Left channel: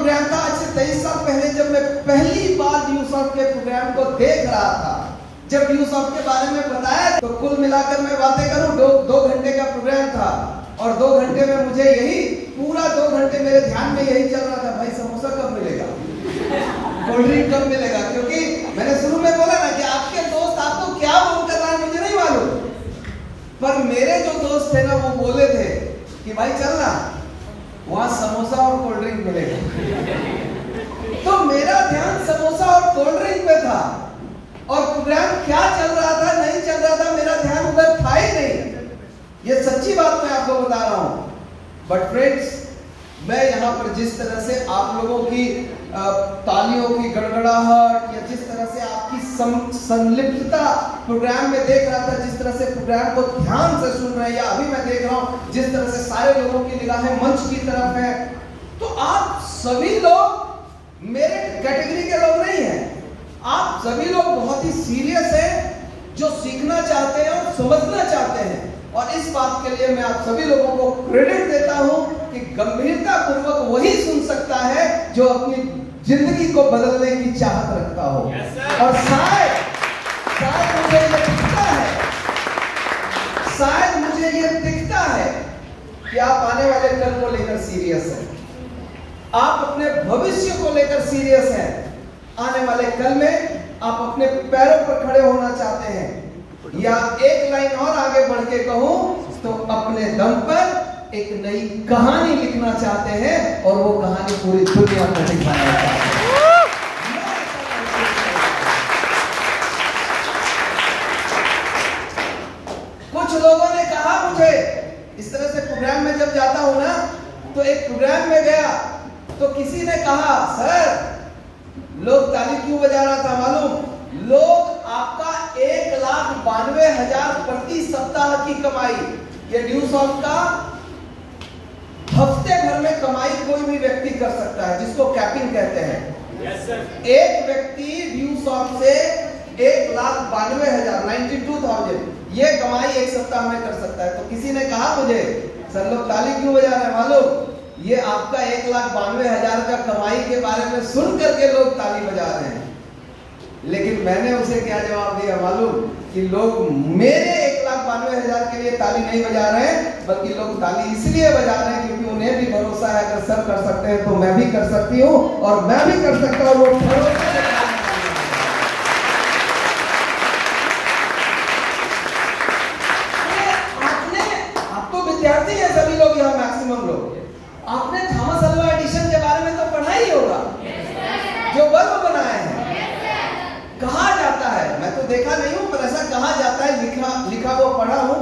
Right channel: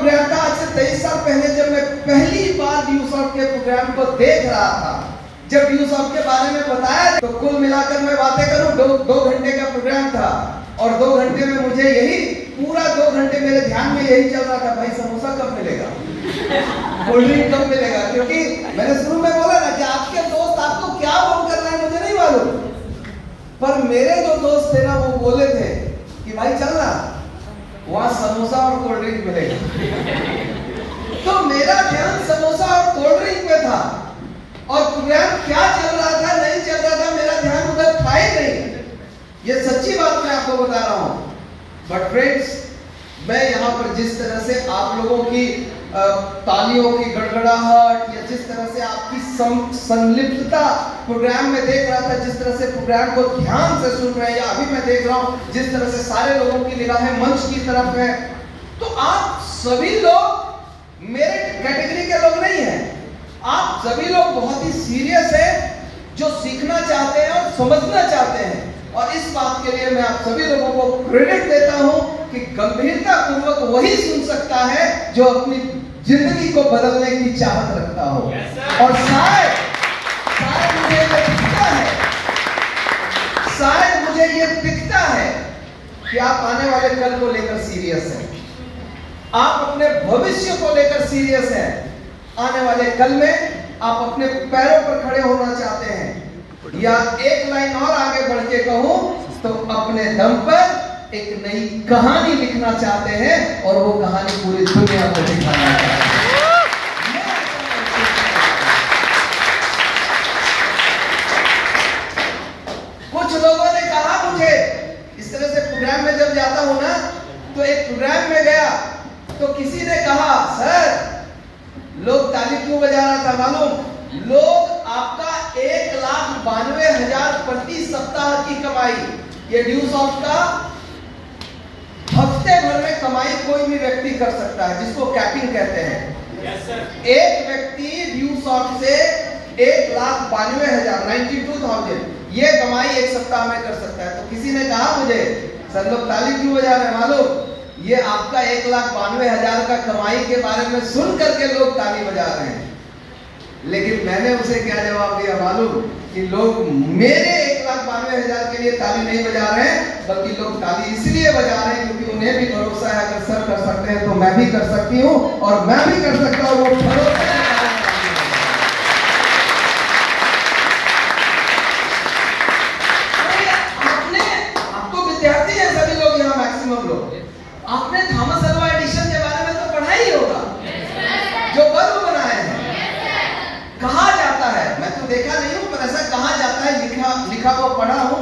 Programme था आज से 23 साल पहले, जब मैं पहली बार ड्यूसॉफ्ट के प्रोग्राम को देख रहा था, जब ड्यूसॉफ्ट के बारे में बताया, तो कुल मिलाकर मैं बातें करूं, 2 घंटे का प्रोग्राम था और 2 घंटे में मुझे यही पूरा 2 घंटे मेरे ध्यान में यही चल रहा था, भाई समोसा कब मिलेगा, कोल्ड ड्रिंक कब मिलेगा। क्योंकि मैंने शुरू में बोला ना कि आपके दोस्त आपको क्या फोन कर रहा है मुझे नहीं मालूम, पर मेरे जो दोस्त थे ना वो बोले थे कि भाई चलना, वहां समोसा और कोल्ड ड्रिंक मिलेगा। तो मेरा ध्यान समोसा और कोल्ड ड्रिंक पे था और प्रोग्राम क्या चल रहा था नहीं चल रहा था, मेरा ध्यान उधर था ही नहीं। ये सच्ची बात मैं आपको बता रहा हूं। बट फ्रेंड्स, मैं यहाँ पर जिस तरह से आप लोगों की तालियों की गड़गड़ाहट या जिस तरह से आपकी संलिप्तता प्रोग्राम में देख रहा था, जिस तरह से प्रोग्राम को ध्यान से सुन रहे हैं, या अभी मैं देख रहा हूं जिस तरह से सारे लोगों की निगाहें मंच की तरफ है, तो आप सभी लोग मेरे कैटेगरी के लोग नहीं हैं। आप सभी लोग बहुत ही सीरियस हैं, जो सीखना चाहते हैं और समझना चाहते हैं। और इस बात के लिए मैं आप सभी लोगों को क्रेडिट देता हूं कि गंभीरता पूर्वक वही सुन सकता है जो अपनी जिंदगी को बदलने की चाहत रखता हो। और शायद मुझे ये दिखता है, शायद मुझे ये दिखता है कि आप आने वाले कल को लेकर सीरियस हैं, आप अपने भविष्य को लेकर सीरियस हैं। आने वाले कल में आप अपने पैरों पर खड़े होना चाहते हैं, या एक लाइन और आगे बढ़ के कहूं तो अपने दम पर एक नई कहानी लिखना चाहते हैं और वो कहानी पूरी दुनिया को दिखाना चाहते हैं। कुछ लोगों ने कहा मुझे, इस तरह से प्रोग्राम में जब जाता हूं ना, तो एक प्रोग्राम में गया तो किसी ने कहा, सर लोग ताली क्यों बजा रहा था मालूम? लोग आपका 1,92,000 प्रति सप्ताह की कमाई, ये ड्यूसॉफ्ट का हफ्ते भर में कमाई कोई भी व्यक्ति कर सकता है, जिसको कैपिंग कहते हैं। yes, sir. एक व्यक्ति ड्यूसॉफ्ट से 1,92,000 92,000 ये कमाई एक सप्ताह में कर सकता है। तो किसी ने कहा मुझे, सर लोग ताली क्यों बजा रहे हैं मालूम? ये आपका 1,92,000 का कमाई के बारे में सुन करके लोग ताली बजा रहे हैं। लेकिन मैंने उसे क्या जवाब दिया मालूम? कि लोग मेरे 1,92,000 के लिए ताली नहीं बजा रहे हैं, बल्कि लोग ताली इसलिए बजा रहे हैं क्योंकि उन्हें भी भरोसा है, अगर सर कर सकते हैं तो मैं भी कर सकती हूँ, और मैं भी कर सकता हूँ। वो भरोसा आप तो विद्यार्थी हैं सभी लोग यहाँ, मैक्सिमम लोग, आपने थॉमस अल्वा एडिशन के बारे में तो पढ़ा ही होगा, जो बल्ब बनाए हैं। कहा जाता है, मैं तो देखा नहीं हूं पर ऐसा कहा जाता है, लिखा वो पढ़ा हूं,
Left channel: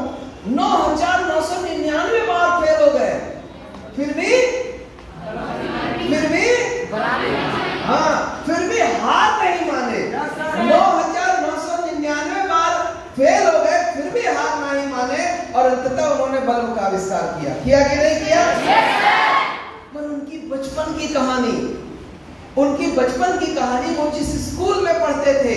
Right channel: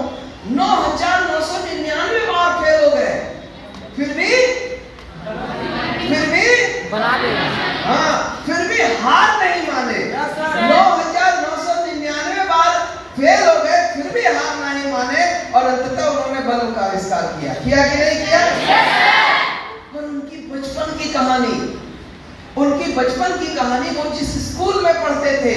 9,999 बार फेल हो गए, फिर भी बना लिया। हाँ, फिर भी हार नहीं माने। 9,999 बार फेल हो गए, फिर भी हार नहीं माने, और अंततः उन्होंने बल्ब का आविष्कार किया कि नहीं किया? पर उनकी बचपन की कहानी वो जिस स्कूल में पढ़ते थे,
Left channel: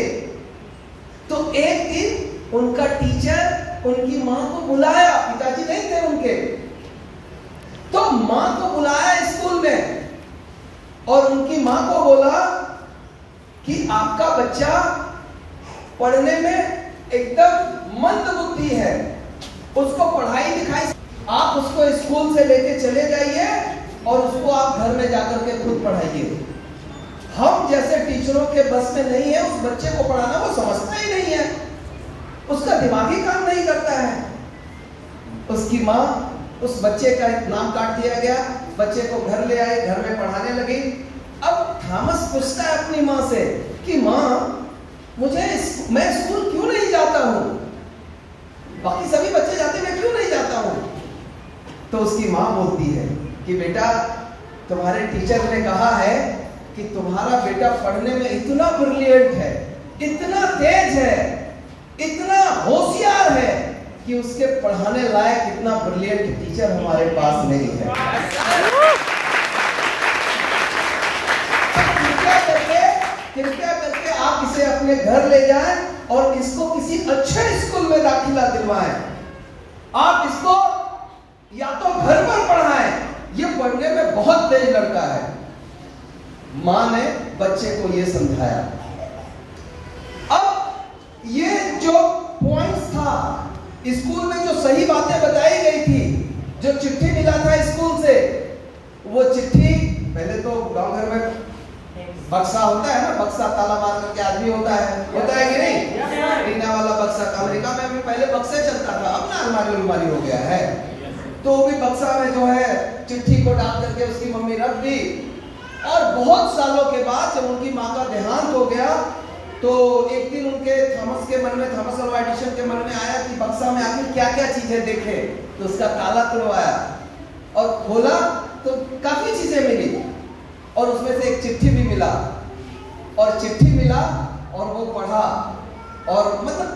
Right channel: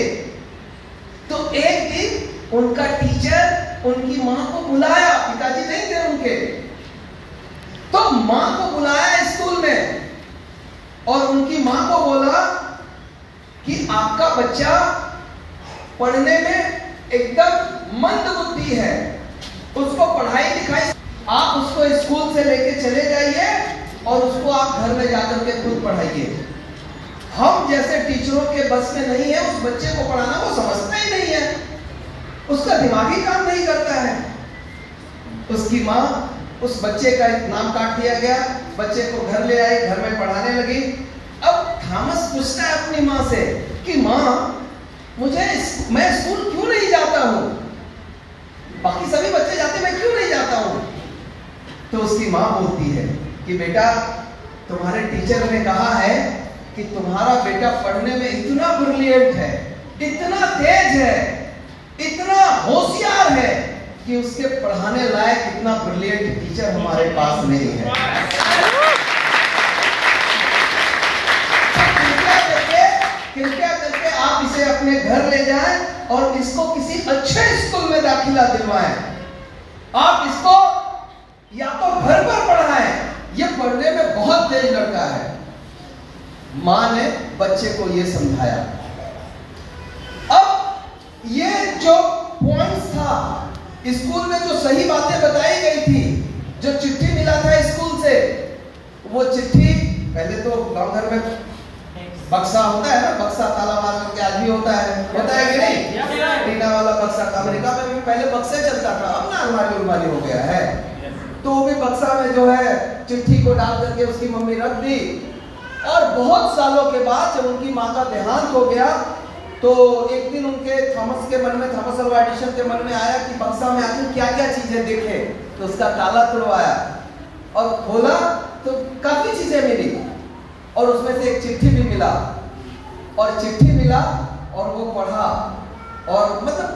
तो एक दिन उनका टीचर उनकी मां को बुलाया, पिताजी नहीं थे उनके, तो मां को बुलाया स्कूल में और उनकी मां को बोला कि आपका बच्चा पढ़ने में एकदम मंद बुद्धि है, उसको पढ़ाई लिखाई आप उसको स्कूल से लेके चले जाइए और उसको आप घर में जाकर के खुद पढ़ाइए। हम जैसे टीचरों के बस में नहीं है उस बच्चे को पढ़ाना, वो समझता ही नहीं है, उसका दिमागी काम नहीं करता है। उसकी माँ, उस बच्चे का नाम काट दिया गया, बच्चे को घर ले आई, घर में पढ़ाने लगी। अब थॉमस पूछता है अपनी माँ से कि माँ, मैं स्कूल क्यों नहीं जाता हूँ? बाकी सभी बच्चे जाते, मैं क्यों नहीं जाता हूँ? तो उसकी माँ बोलती है कि बेटा, तुम्हारे टीचर ने कहा है कि तुम्हारा बेटा पढ़ने में इतना ब्रिलियंट है, इतना तेज है, इतना होशियार है कि उसके पढ़ाने लायक इतना ब्रिलियंट टीचर हमारे पास नहीं है। कृपया करके आप इसे अपने घर ले जाएं और इसको किसी अच्छे स्कूल में दाखिला दिलवाएं। आप इसको या तो घर पर पढ़ाएं, ये पढ़ने में बहुत तेज लड़का है, माँ ने बच्चे को ये समझाया। अब ये जो पॉइंट्स था, स्कूल में जो सही बातें बताई गई थी, जो चिट्ठी मिला था स्कूल से, वो चिट्ठी पहले तो गांव घर में बक्सा होता है ना, बक्सा ताला मार के आदमी होता है कि नहीं? टीना वाला बक्सा। अमेरिका में भी पहले बक्से चलता था, अब ना अलमारी हो गया है। तो वो भी बक्सा में जो है चिट्ठी को डाल करके उसकी मम्मी रख दी। और बहुत सालों के बाद जब उनकी माँ का देहांत हो गया, तो एक दिन उनके थॉमस अल्वा एडिसन के मन में आया कि बक्सा में आखिर क्या क्या चीजें देखे। तो उसका ताला तुड़वाया और खोला तो काफी चीजें मिली, और उसमें से एक चिट्ठी भी मिला। और चिट्ठी मिला और वो पढ़ा, और मतलब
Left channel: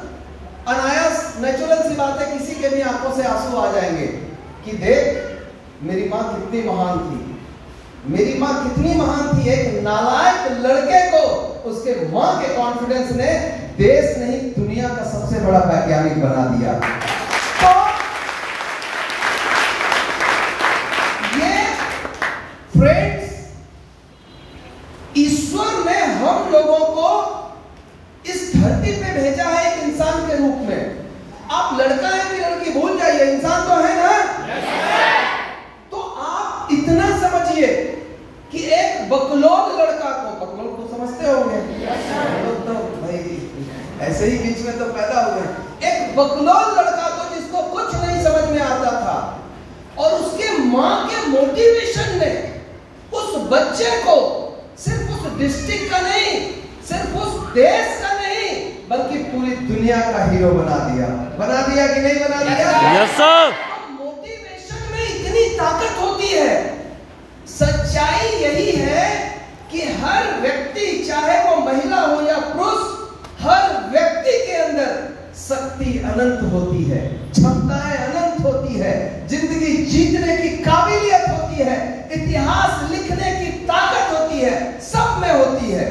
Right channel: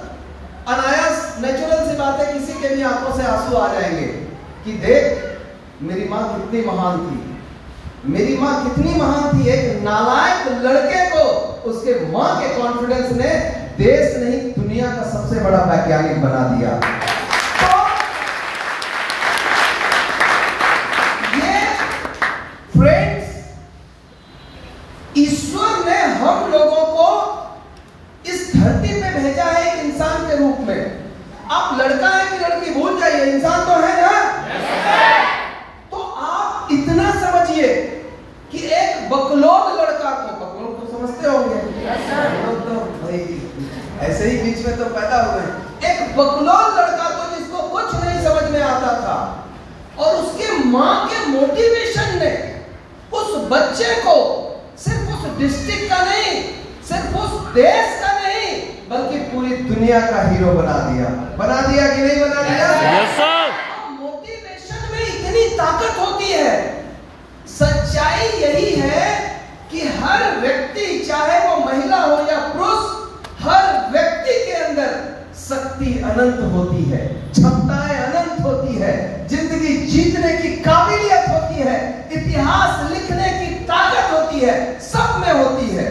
अनायास नेचुरल सी बात है, किसी के भी आंखों से आंसू आ जाएंगे कि देख मेरी माँ कितनी महान थी, मेरी माँ कितनी महान थी। एक नालायक लड़के को उसके माँ के कॉन्फिडेंस ने देश नहीं दुनिया का सबसे बड़ा वैज्ञानिक बना दिया। तो ये फ्रेंड्स, ईश्वर ने हम लोगों को इस धरती पे भेजा है एक इंसान के रूप में। आप लड़का है कि लड़की भूल जाइए, इंसान तो है ना। तो आप इतना समझिए कि एक बकलोल लड़का को, बकलोल को समझते होंगे, तो भाई ऐसे ही बीच में तो पैदा हुए। एक बकलोल लड़का को जिसको कुछ नहीं समझ में आता था, और उसके माँ के मोटिवेशन ने उस बच्चे को सिर्फ उस डिस्ट्रिक्ट का नहीं, सिर्फ उस देश का नहीं, बल्कि पूरी दुनिया का हीरो बना दिया। बना दिया कि नहीं बना दिया? Yes sir. मोटिवेशन में इतनी ताकत होती है। सच्चाई यही है कि हर व्यक्ति, चाहे वो महिला हो या पुरुष, हर व्यक्ति के अंदर शक्ति अनंत होती है, क्षमताएं अनंत होती है, जिंदगी जीतने की काबिलियत होती है, इतिहास लिखने की ताकत होती है, सब में होती है।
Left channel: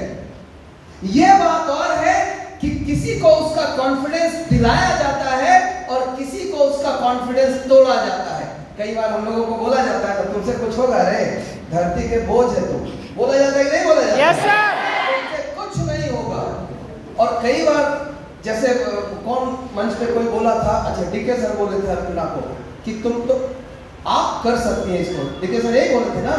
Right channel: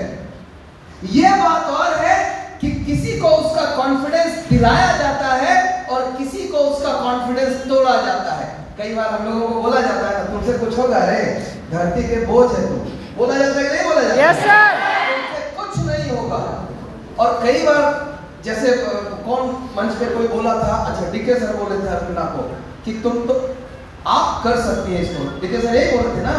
यह बात और है कि किसी को उसका कॉन्फिडेंस दिलाया जाता है और किसी को उसका कॉन्फिडेंस तोड़ा जाता है। कई बार हम लोगों को बोला जाता है तुमसे कुछ होगा रे, धरती के बोझ है तुम। बोला जाता है कि नहीं बोला जाता? Yes sir. तुमसे कुछ नहीं होगा। और कई बार जैसे कौन मंच पे कोई बोला था, अच्छा डीके सर बोले थे अर्पिता को कि तुम तो आप कर सकती हैं इसको। डीके सर यही बोले थे ना,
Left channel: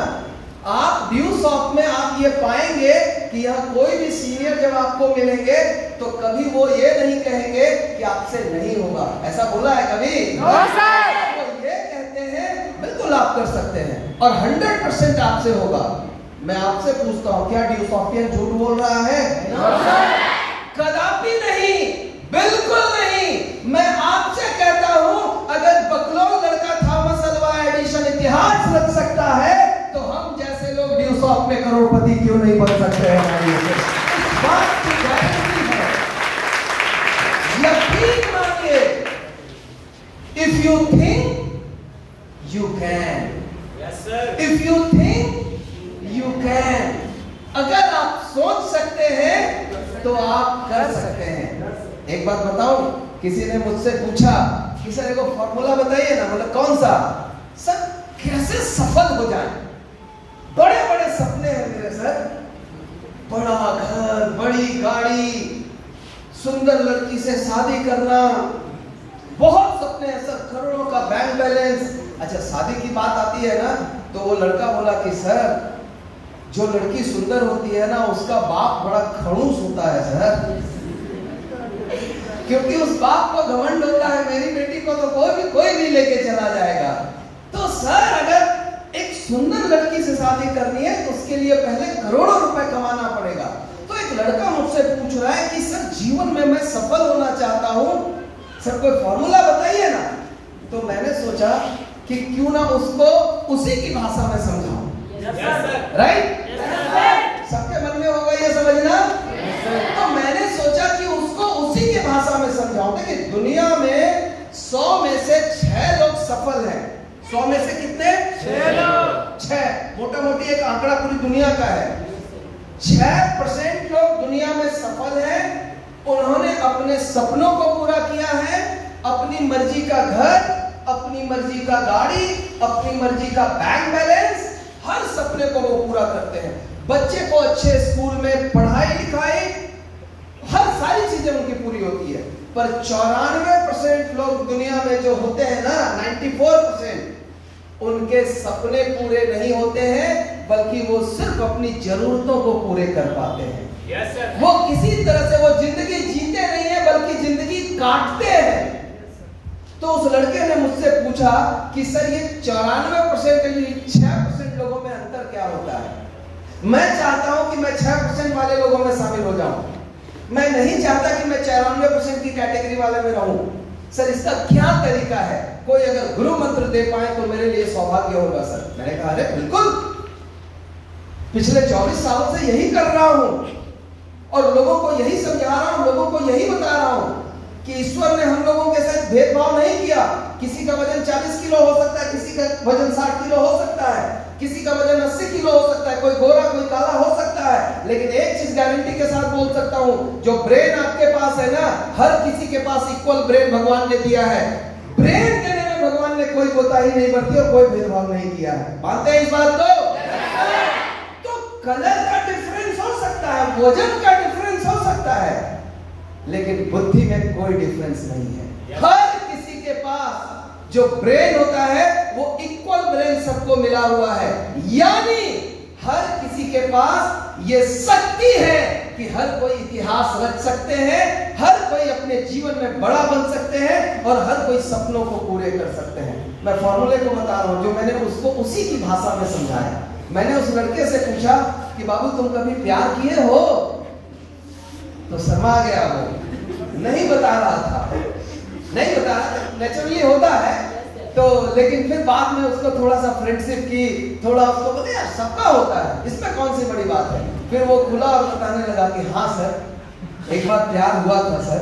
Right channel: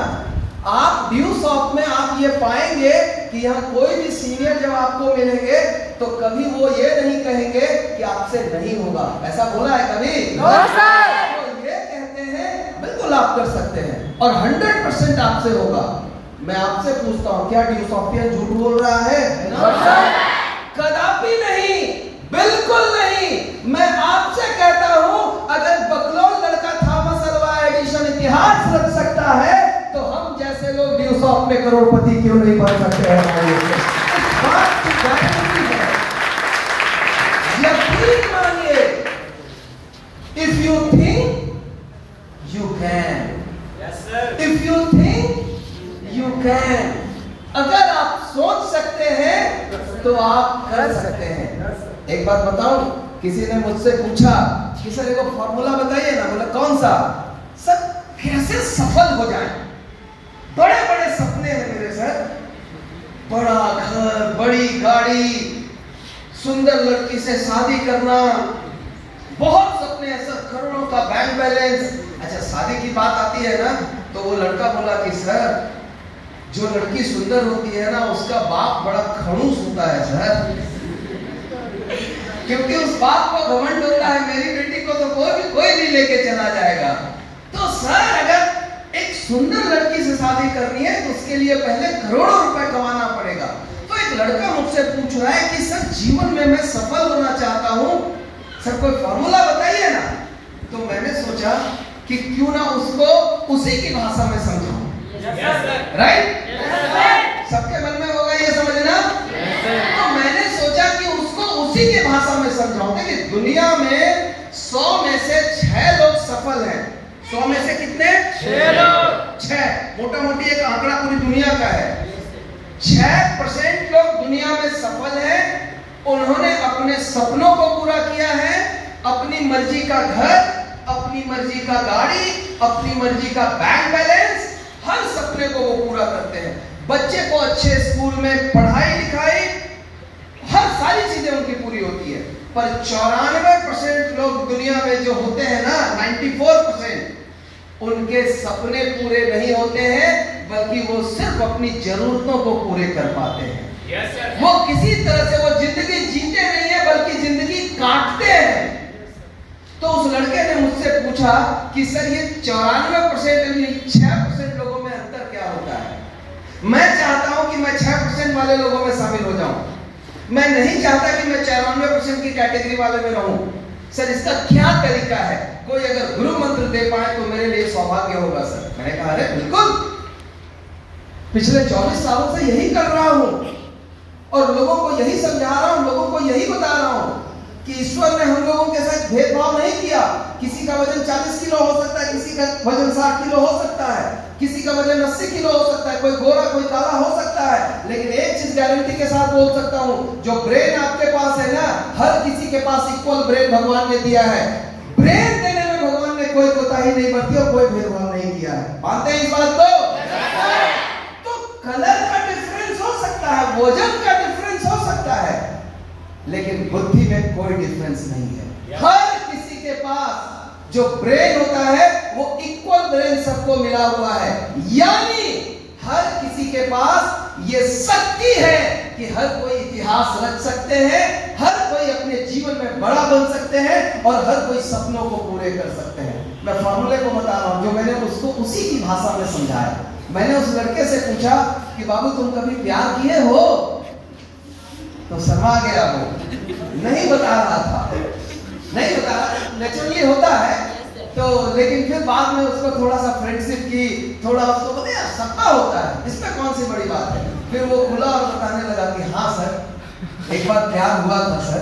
आप ड्यू शॉप में आप ये पाएंगे कि यहाँ कोई भी सीनियर जब आपको मिलेंगे तो कभी वो ये नहीं कहेंगे कि आपसे नहीं होगा। ऐसा बोला है कभी? वो ये कहते हैं बिल्कुल आप कर सकते हैं और 100% आपसे होगा। मैं आपसे पूछता हूँ, क्या ड्यू सॉफ्टवेयर झूठ बोल रहा है? कदापि नहीं, बिल्कुल नहीं। मैं आपसे कहता हूँ, अगर बकलोल लड़का थॉमस अल्वा एडिसन इतिहास रच सकता है, तो हम जैसे लोग ड्यू शॉप में करोड़पति क्यों नहीं बन सकते हैं? हमारी इस बात की गारंटी है। यकीन मानिए, if you think you can, if you think you can. अगर आप सोच सकते हैं तो आप कर सकते हैं। एक बात बताऊं, किसी ने मुझसे पूछा कि सर एक फॉर्मूला बताइए ना। बोला कौन सा? सर कैसे सफल हो जाए? बड़े बड़े सपने हैं मेरे सर, बड़ा घर, बड़ी गाड़ी, सुंदर लड़की से शादी करना, बहुत सपने हैं सर, करोड़ों का बैंक बैलेंस। अच्छा शादी की बात आती है ना, तो वो लड़का बोला कि सर जो लड़की सुंदर होती है ना, उसका बाप बड़ा खड़ूस होता है सर, क्योंकि उस बाप को घमंड होता है मेरी बेटी को तो कोई भी लेके चला जाएगा। तो सर अगर एक सुंदर लड़की से शादी करनी है तो उसके लिए पहले करोड़ों रुपए कमाना पड़ेगा। तो एक लड़का मुझसे पूछ रहा है कि सर जीवन में मैं सफल होना चाहता हूँ, सर कोई फॉर्मूला बताइए ना। तो मैंने सोचा कि क्यों ना उसको उसी की भाषा में समझाऊं। राइट? सबके मन में होगा ये समझना। तो मैंने सोचा कि उसको उसी की भाषा में समझाऊं। देखिए दुनिया में 100 में से 6 लोग सफल हैं। 100 में से कितने? 6 लोग। 6 मोटा मोटी एक आंकड़ा पूरी दुनिया का है। 6% लोग दुनिया में सफल हैं। उन्होंने अपने सपनों को पूरा किया है, अपनी मर्जी का घर, अपनी मर्जी का गाड़ी, अपनी मर्जी का बैंक बैलेंस, हर सपने को वो पूरा करते हैं। बच्चे को अच्छे स्कूल में पढ़ाई लिखाई हर सारी चीजें उनकी पूरी होती है। पर 94% लोग दुनिया में जो होते हैं ना, 94%, उनके सपने पूरे नहीं होते हैं, बल्कि वो सिर्फ अपनी जरूरतों को पूरे कर पाते हैं। वो किसी तरह से वो जिंदगी जीते नहीं है, बल्कि जिंदगी काटते हैं। तो उस लड़के ने मुझसे पूछा कि सर ये 94% 6% लोगों में अंतर क्या होता है? मैं चाहता हूं कि मैं 6% वाले लोगों में शामिल हो जाऊं। मैं नहीं चाहता कि मैं 94% की कैटेगरी वाले में रहूं। सर इसका क्या तरीका है? कोई अगर गुरु मंत्र दे पाए तो मेरे लिए सौभाग्य होगा सर। मैंने कहा अरे बिल्कुल, पिछले 24 सालों से यही कर रहा हूं और लोगों को यही समझा रहा हूं, लोगों को यही बता रहा हूं कि ईश्वर ने हम लोगों के साथ भेदभाव नहीं किया। किसी का वजन 40 किलो हो सकता है, किसी का वजन 60 किलो हो सकता है, किसी का वजन 80 किलो हो सकता है, कोई गोरा कोई काला हो सकता है। लेकिन एक चीज गारंटी के साथ बोल सकता हूं, जो ब्रेन आपके पास है ना, हर किसी के पास इक्वल ब्रेन भगवान ने दिया है। ब्रेन देने में भगवान ने कोई कोताही नहीं बरती और कोई भेदभाव नहीं किया है। मानते हैं इस बात को? तो कलर का डिफरेंस हो सकता है, वजन का डिफरेंस हो सकता है, लेकिन बुद्धि में कोई डिफरेंस नहीं है। हर किसी के पास जो ब्रेन होता है वो इक्वल ब्रेन सबको मिला हुआ है। यानी हर किसी के पास ये शक्ति है कि हर कोई इतिहास रच सकते हैं, हर कोई अपने जीवन में बड़ा बन सकते हैं और हर कोई सपनों को पूरे कर सकते हैं। मैं फॉर्मूले को बता रहा हूं जो मैंने उसको उसी की भाषा में समझाया। मैंने उस लड़के से पूछा कि बाबू तुम कभी प्यार किए हो? तो शर्मा गया, वो नहीं बता रहा था, नहीं बता रहा। नेचुरली होता है तो, लेकिन फिर बाद में उसको थोड़ा सा फ्रेंडशिप की, थोड़ा उसको बोले यार सबका होता है, इसमें कौन सी बड़ी बात है। फिर वो खुला और बताने लगा कि हाँ सर एक बार प्यार हुआ था सर।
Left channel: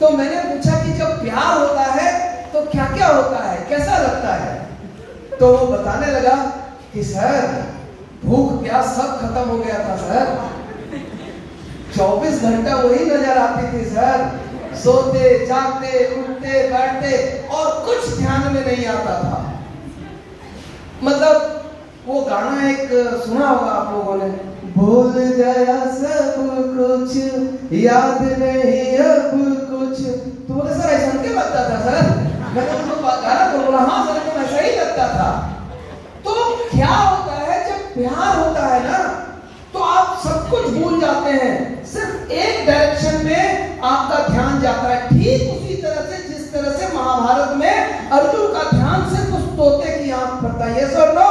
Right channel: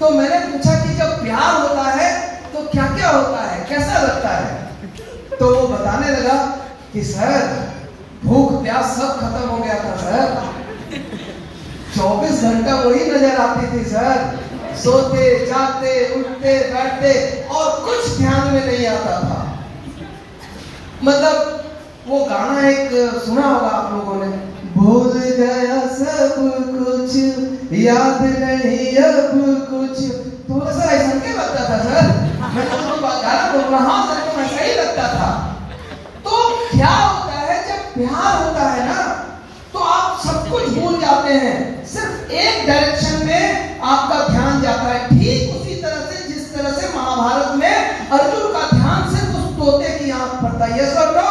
तो मैंने पूछा कि जब प्यार होता है तो क्या क्या होता है, कैसा लगता है? तो वो बताने लगा कि सर भूख प्यास सब खत्म हो गया था सर, 24 घंटा वही नजर आती थी सर, सोते जागते उठते बैठते और कुछ ध्यान में नहीं आता था। मतलब वो गाना एक सुना होगा आप लोगों ने, भूल गया सब कुछ याद नहीं अब कुछ। तो सर ऐसा क्या लगता था सर? मैंने उसको गाना बोल रहा हूं सर, को ऐसा ही लगता था। तो क्या होता है जब प्यार होता है ना, तो आप सब कुछ भूल जाते हैं, सिर्फ एक डायरेक्शन में आपका ध्यान जाता है। ठीक उसी तरह से जिस तरह से महाभारत में अर्जुन का ध्यान सिर्फ उस तोते की आंख पर था। यस और नो?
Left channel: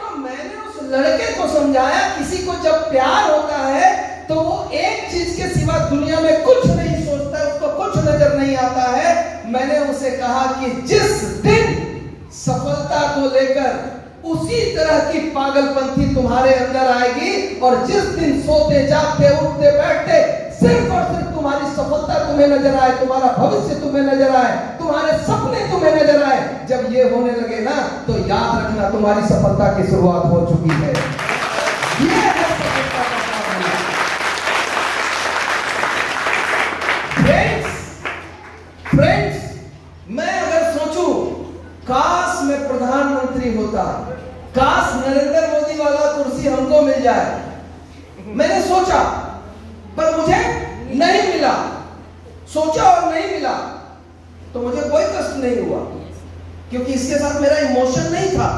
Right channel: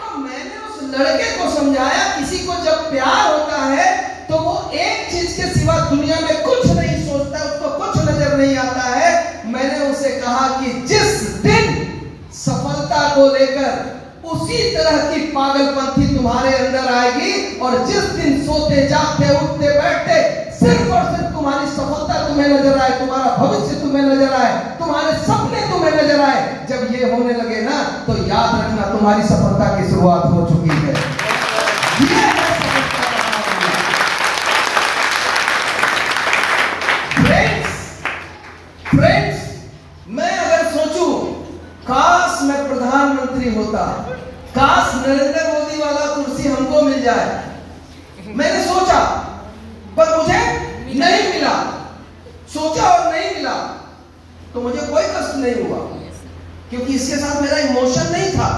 तो मैंने उस लड़के को समझाया किसी को जब प्यार होता है तो वो एक चीज के सिवा दुनिया में कुछ नहीं सोचता, उसको कुछ नजर नहीं आता है। मैंने उसे कहा कि जिस दिन सफलता को लेकर उसी तरह की पागलपंथी तुम्हारे अंदर आएगी और जिस दिन सोते जागते उठते बैठते सिर्फ और सिर्फ तुम्हारी सफलता तुम्हें नजर आए, तुम्हारा भविष्य तुम्हें नजर आए, तुम्हारे सपने तुम्हें नजर आए, जब ये होने लगे ना तो याद रखना तुम्हारी सफलता की शुरुआत हो चुकी है। ये है सफलता का फॉर्मूला। फ्रेंड्स, मैं अगर सोचूं काश मैं प्रधानमंत्री होता, काश नरेंद्र मोदी वाला कुर्सी हमको मिल जाए, मैंने सोचा पर मुझे नहीं मिला, सोचा और नहीं मिला, तो मुझे कोई कष्ट नहीं हुआ, क्योंकि इसके साथ मेरा इमोशन नहीं था।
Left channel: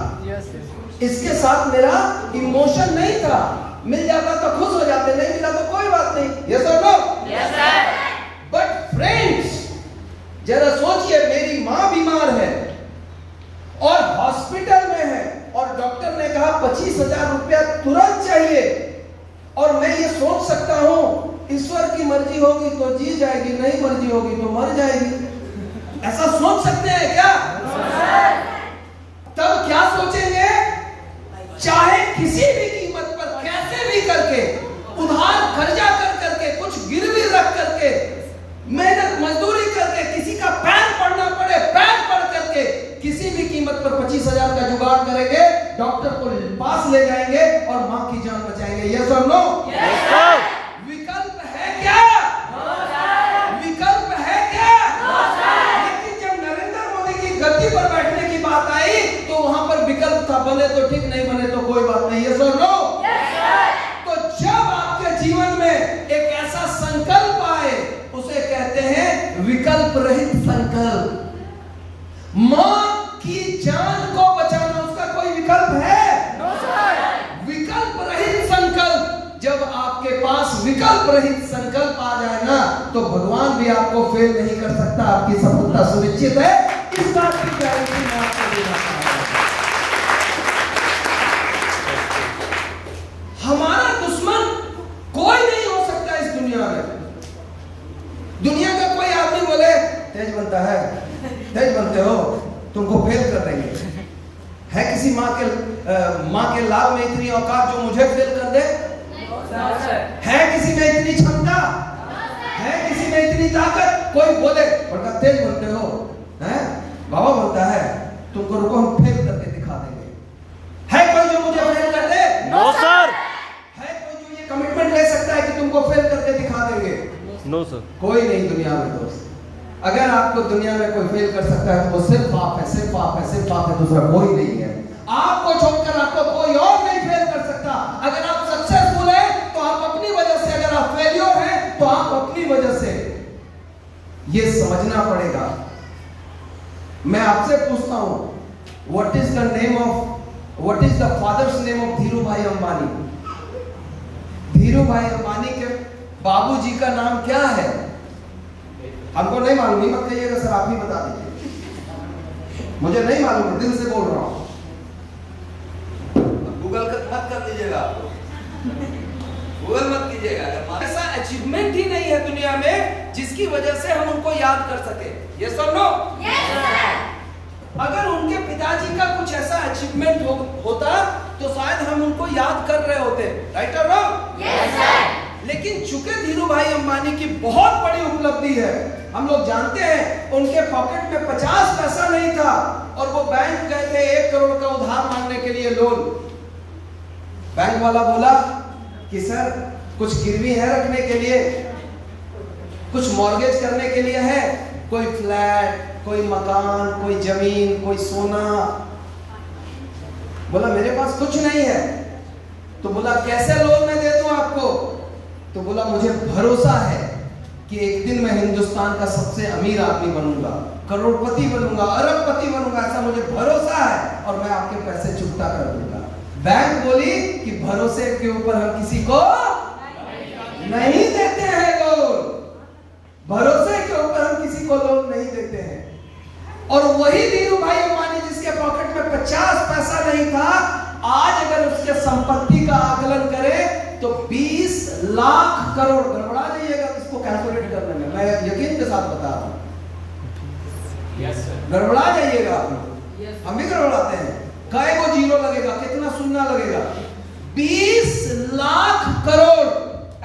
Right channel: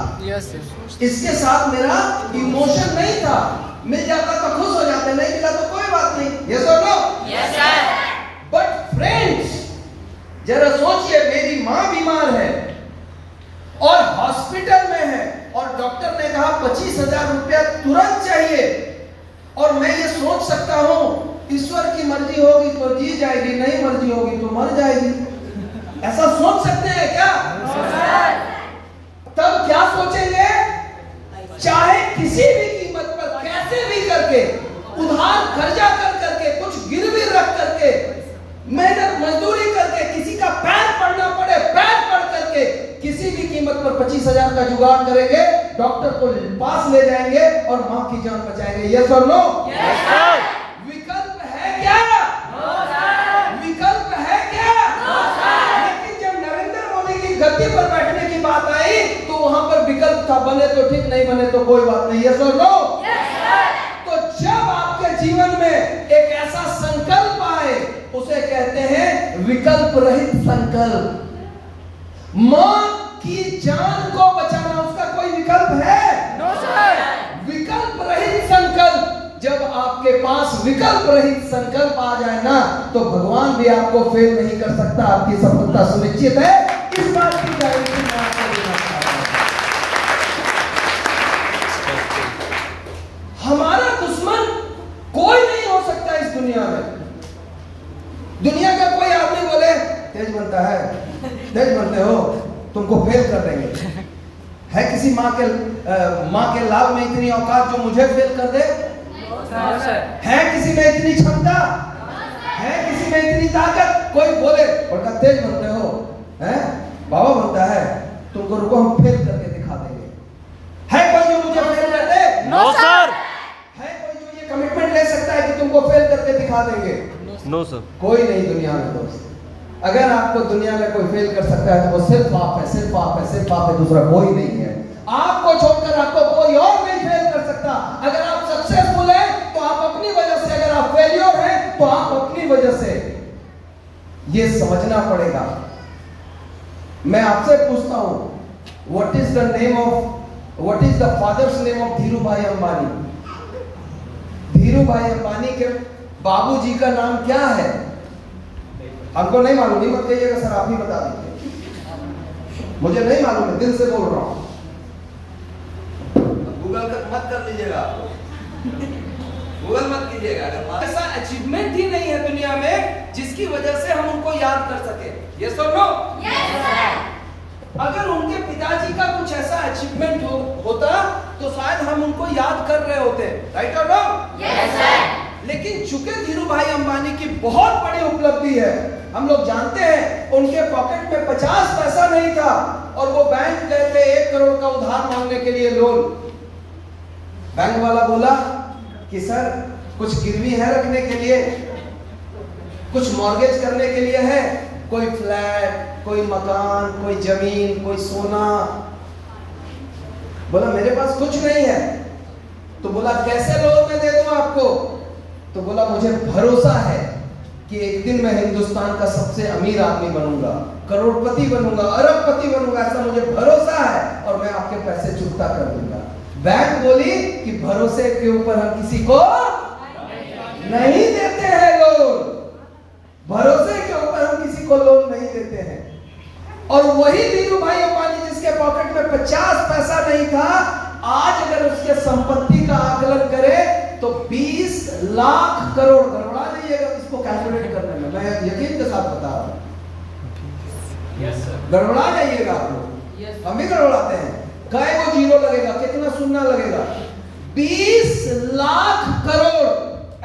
इसके साथ मेरा इमोशन नहीं था। मिल जाता तो खुश हो जाते, नहीं मिला तो कोई बात नहीं। यस और no? Yes sir. But friends, जरा सोचिए, मेरी मां बीमार है और हॉस्पिटल में है और डॉक्टर ने कहा 25,000 रुपया तुरंत चाहिए, और मैं ये सोच सकता हूं ईश्वर की मर्जी होगी तो जी जाएगी, नहीं मर्जी होगी तो मर जाएगी। ऐसा सोच सकते हैं क्या? तब क्या सोचेंगे? चाहे किसी भी कीमत पर कैसे भी करके, उधार कर्जा कर करके, कुछ गिरवी रख करके, मेहनत मजदूरी करके, किसी का पैर पड़ना पड़े पैर पड़ करके, किसी भी कीमत पर 25,000 का जुगाड़ करेंगे, डॉक्टर को पास ले जाएंगे और मां की जान बचाएंगे। यस और नो? Yes sir. विकल्प है क्या? No sir. विकल्प है क्या? No sir. लेकिन जब नरेंद्र मोदी की गद्दी पर बैठने की बात आई तो वहां पर विकल्प था, बने तो विकल्प रहित संकल्प। मां की जान को बचाना उसका कोई विकल्प है? विकल्प रहित संकल्प। जब आपके पास विकल्प रहित संकल्प आ जाए ना, तो भगवान भी आपको फेल नहीं कर सकता, आपकी सफलता सुनिश्चित है। इस बात की गारंटी मैं आपको देना चाहता हूं। हमारा दुश्मन कोई नहीं हो सकता इस दुनिया में। दुनिया का कोई आदमी बोले तेज बनता है, तेज बनते हो, तुमको फेल कर देंगे। है किसी माँ के लाल में इतनी औकात जो मुझे फेल कर दे? है किसी में इतनी क्षमता? है किसी में इतनी ताकत? कोई बोले बड़का तेज बनते हो, हैं बाबा बनता है, तुमको रुको हम फेल करके दिखा देंगे। है कोई जो मुझे फेल कर दे? No sir. है कोई जो ये कमिटमेंट ले सकता है कि तुमको फेल करके दिखा देंगे? No sir. कोई नहीं दुनिया में दोस्त। अगर आपको दुनिया में कोई फेल कर सकता है तो वो सिर्फ आप है, सिर्फ आप है, सिर्फ आप है, दूसरा कोई नहीं है। आपको छोड़कर आपको कोई और नहीं फेल कर सकता। अगर आप सक्सेसफुल हैं तो आप अपनी वजह से, अगर आप फेलियर हैं तो आप अपनी वजह से। ये समझना पड़ेगा। मैं आपसे पूछता हूं, what is the father's name of Dhiru भाई अंबानी? धीरू भाई अंबानी के बाबूजी का नाम क्या है? हमको नहीं मालूम, नहीं मत कहिएगा सर, आप ही बता दीजिए। मुझे नहीं मालूम है, दिल से बोल रहा हूं। गूगल मत कर लीजिएगा, गूगल मत कीजिएगा। ऐसा अचीवमेंट ही नहीं है दुनिया में जिसकी वजह से हम उनको याद कर सके। यस और नो? अगर उनके पिताजी का कुछ ऐसा अचीवमेंट होता तो शायद हम उनको याद कर रहे होते। राइट और रॉन्ग? Yes sir. लेकिन चूंकि धीरू भाई अंबानी की बहुत बड़ी उपलब्धि है, हम लोग जानते हैं उनके पॉकेट में 50 पैसा नहीं था और वो बैंक गए थे 1 करोड़ का उधार मांगने के लिए, लोन। बैंक वाला बोला कि सर कुछ गिरवी है रखने के लिए, कुछ मॉर्गेज करने के लिए है, कोई फ्लैट, कोई मकान, कोई जमीन, कोई सोना। बोला मेरे पास कुछ नहीं है। तो बोला कैसे लोन में दे दूं आपको? तो बोला मुझे भरोसा है कि एक दिन मैं हिंदुस्तान का सबसे अमीर आदमी बनूंगा, करोड़पति बनूंगा, अरबपति बनूंगा, ऐसा मुझे भरोसा है और मैं आपके पैसे चुकता कर दूंगा। बैंक बोली कि भरोसे के ऊपर हम किसी को नहीं देते हैं लोन, भरोसे के ऊपर हम किसी को लोन नहीं देते हैं। और वही धीरू भाई अंबानी जिसके पॉकेट में 50 पैसा नहीं था, आज अगर उसके संपत्ति का आकलन करें तो 20 लाख करोड़। गड़बड़ा जाइएगा इसको कैलकुलेट करने में, मैं यकीन के साथ बता रहा हूं। गड़बड़ा जाइएगा आप लोग, हम भी गड़बड़ाते हैं। काय वो जीरो लगेगा, कितना सुनना लगेगा? 20 लाख करोड़।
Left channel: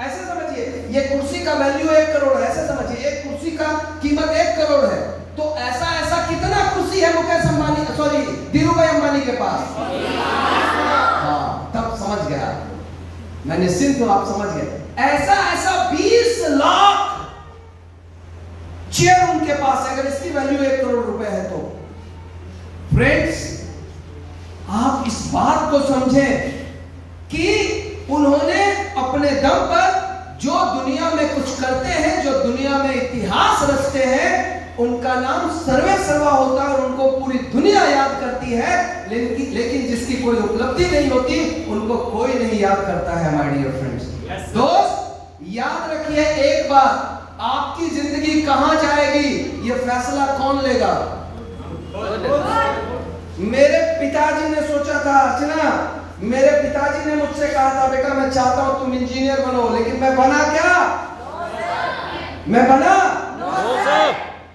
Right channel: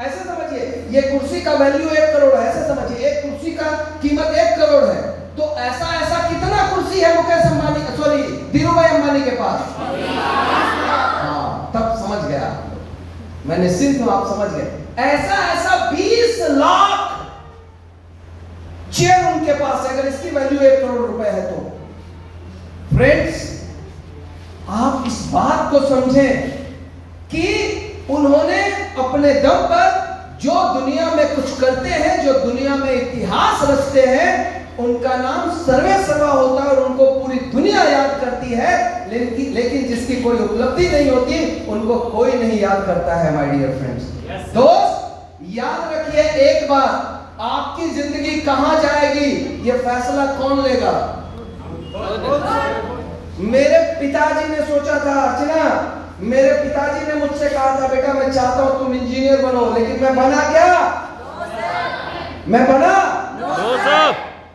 ऐसे समझिए, ये कुर्सी का वैल्यू 1 करोड़ है, ऐसे समझिए एक कुर्सी का कीमत 1 करोड़ है। तो ऐसा कितना कुर्सी है मुकेश अंबानी, सॉरी धीरू भाई अंबानी के पास? हाँ, तब समझ गया, मैं निश्चिंत हूं आप समझ गए। ऐसा 20 लाख चेयर उनके पास है। अगर इसकी वैल्यू 1 करोड़ रुपए है तो फ्रेंड्स आप इस बात को समझें कि उन्होंने अपने दम पर जो दुनिया में कुछ करते हैं, जो दुनिया में इतिहास रचते हैं, उनका नाम सर्वे सर्वा होता है और उनको पूरी दुनिया याद करती है। लेकिन जिसकी कोई उपलब्धि नहीं होती उनको कोई नहीं याद करता है। माय डियर फ्रेंड्स, दोस्त याद रखिए एक बात, आपकी जिंदगी कहां जाएगी ये फैसला कौन लेगा? मेरे पिताजी ने सोचा था, अर्चना, मेरे पिताजी ने मुझसे कहा था बेटा मैं चाहता हूं तुम इंजीनियर बनो, लेकिन मैं बना क्या? मैं बना?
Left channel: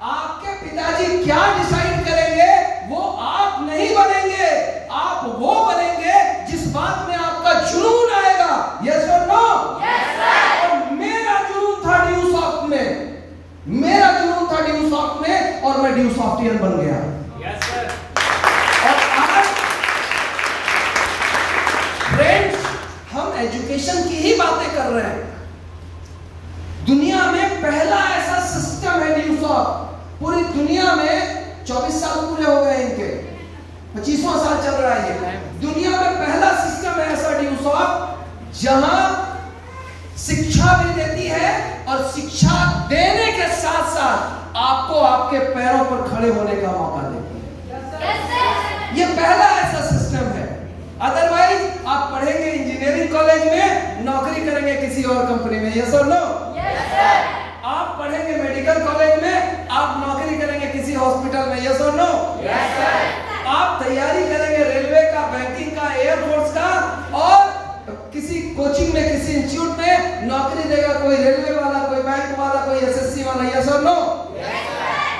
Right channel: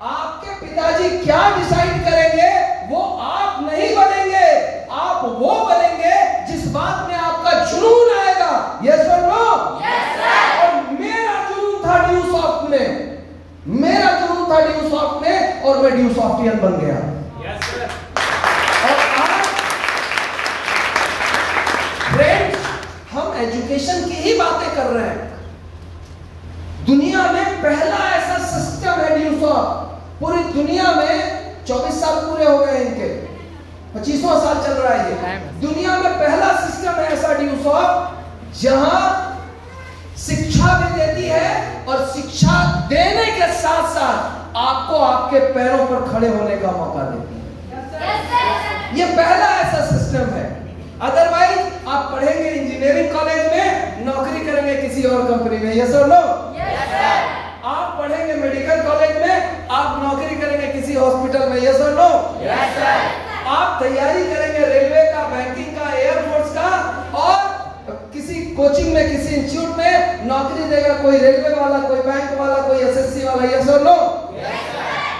आपके पिताजी क्या डिसाइड करेंगे वो आप नहीं बनेंगे, आप वो बनेंगे जिस बात में आपका जुनून आएगा। यस और नो? Yes sir. और मेरा जुनून था ड्यू सॉफ्ट में, मेरा जुनून था ड्यू सॉफ्ट में और मैं ड्यू सॉफ्टियन बन गया। Yes sir. और आज फ्रेंड्स हम एजुकेशन की ही बातें कर रहे हैं। दुनिया में पहला ऐसा सिस्टम है ड्यू सॉफ्ट, पूरी दुनिया में 24 साल पूरे हो गए इनके, 25वां साल चल रहा है ये। दुनिया में पहला सिस्टम है ऐसा ड्यू सॉफ्ट जहां शिक्षा भी देती है और शिक्षा देने के साथ साथ आपको आपके पैरों पर खड़े होने का मौका देती है। ये पहला ऐसा सिस्टम है। अदरवाइज आप पढ़ेंगे इंजीनियरिंग कॉलेज में, नौकरी करेंगे किसी और कंपनी में, यस और नो? आप पढ़ेंगे मेडिकल कॉलेज में, आप नौकरी करेंगे किसी हॉस्पिटल में, यस और नो? आप तैयारी करेंगे रेलवे का, बैंकिंग का, एयरफोर्स का, और किसी कोचिंग में, किसी इंस्टीट्यूट में नौकरी देगा कोई रेलवे वाला, कोई बैंक वाला, कोई एसएससी वाला, यस और नो?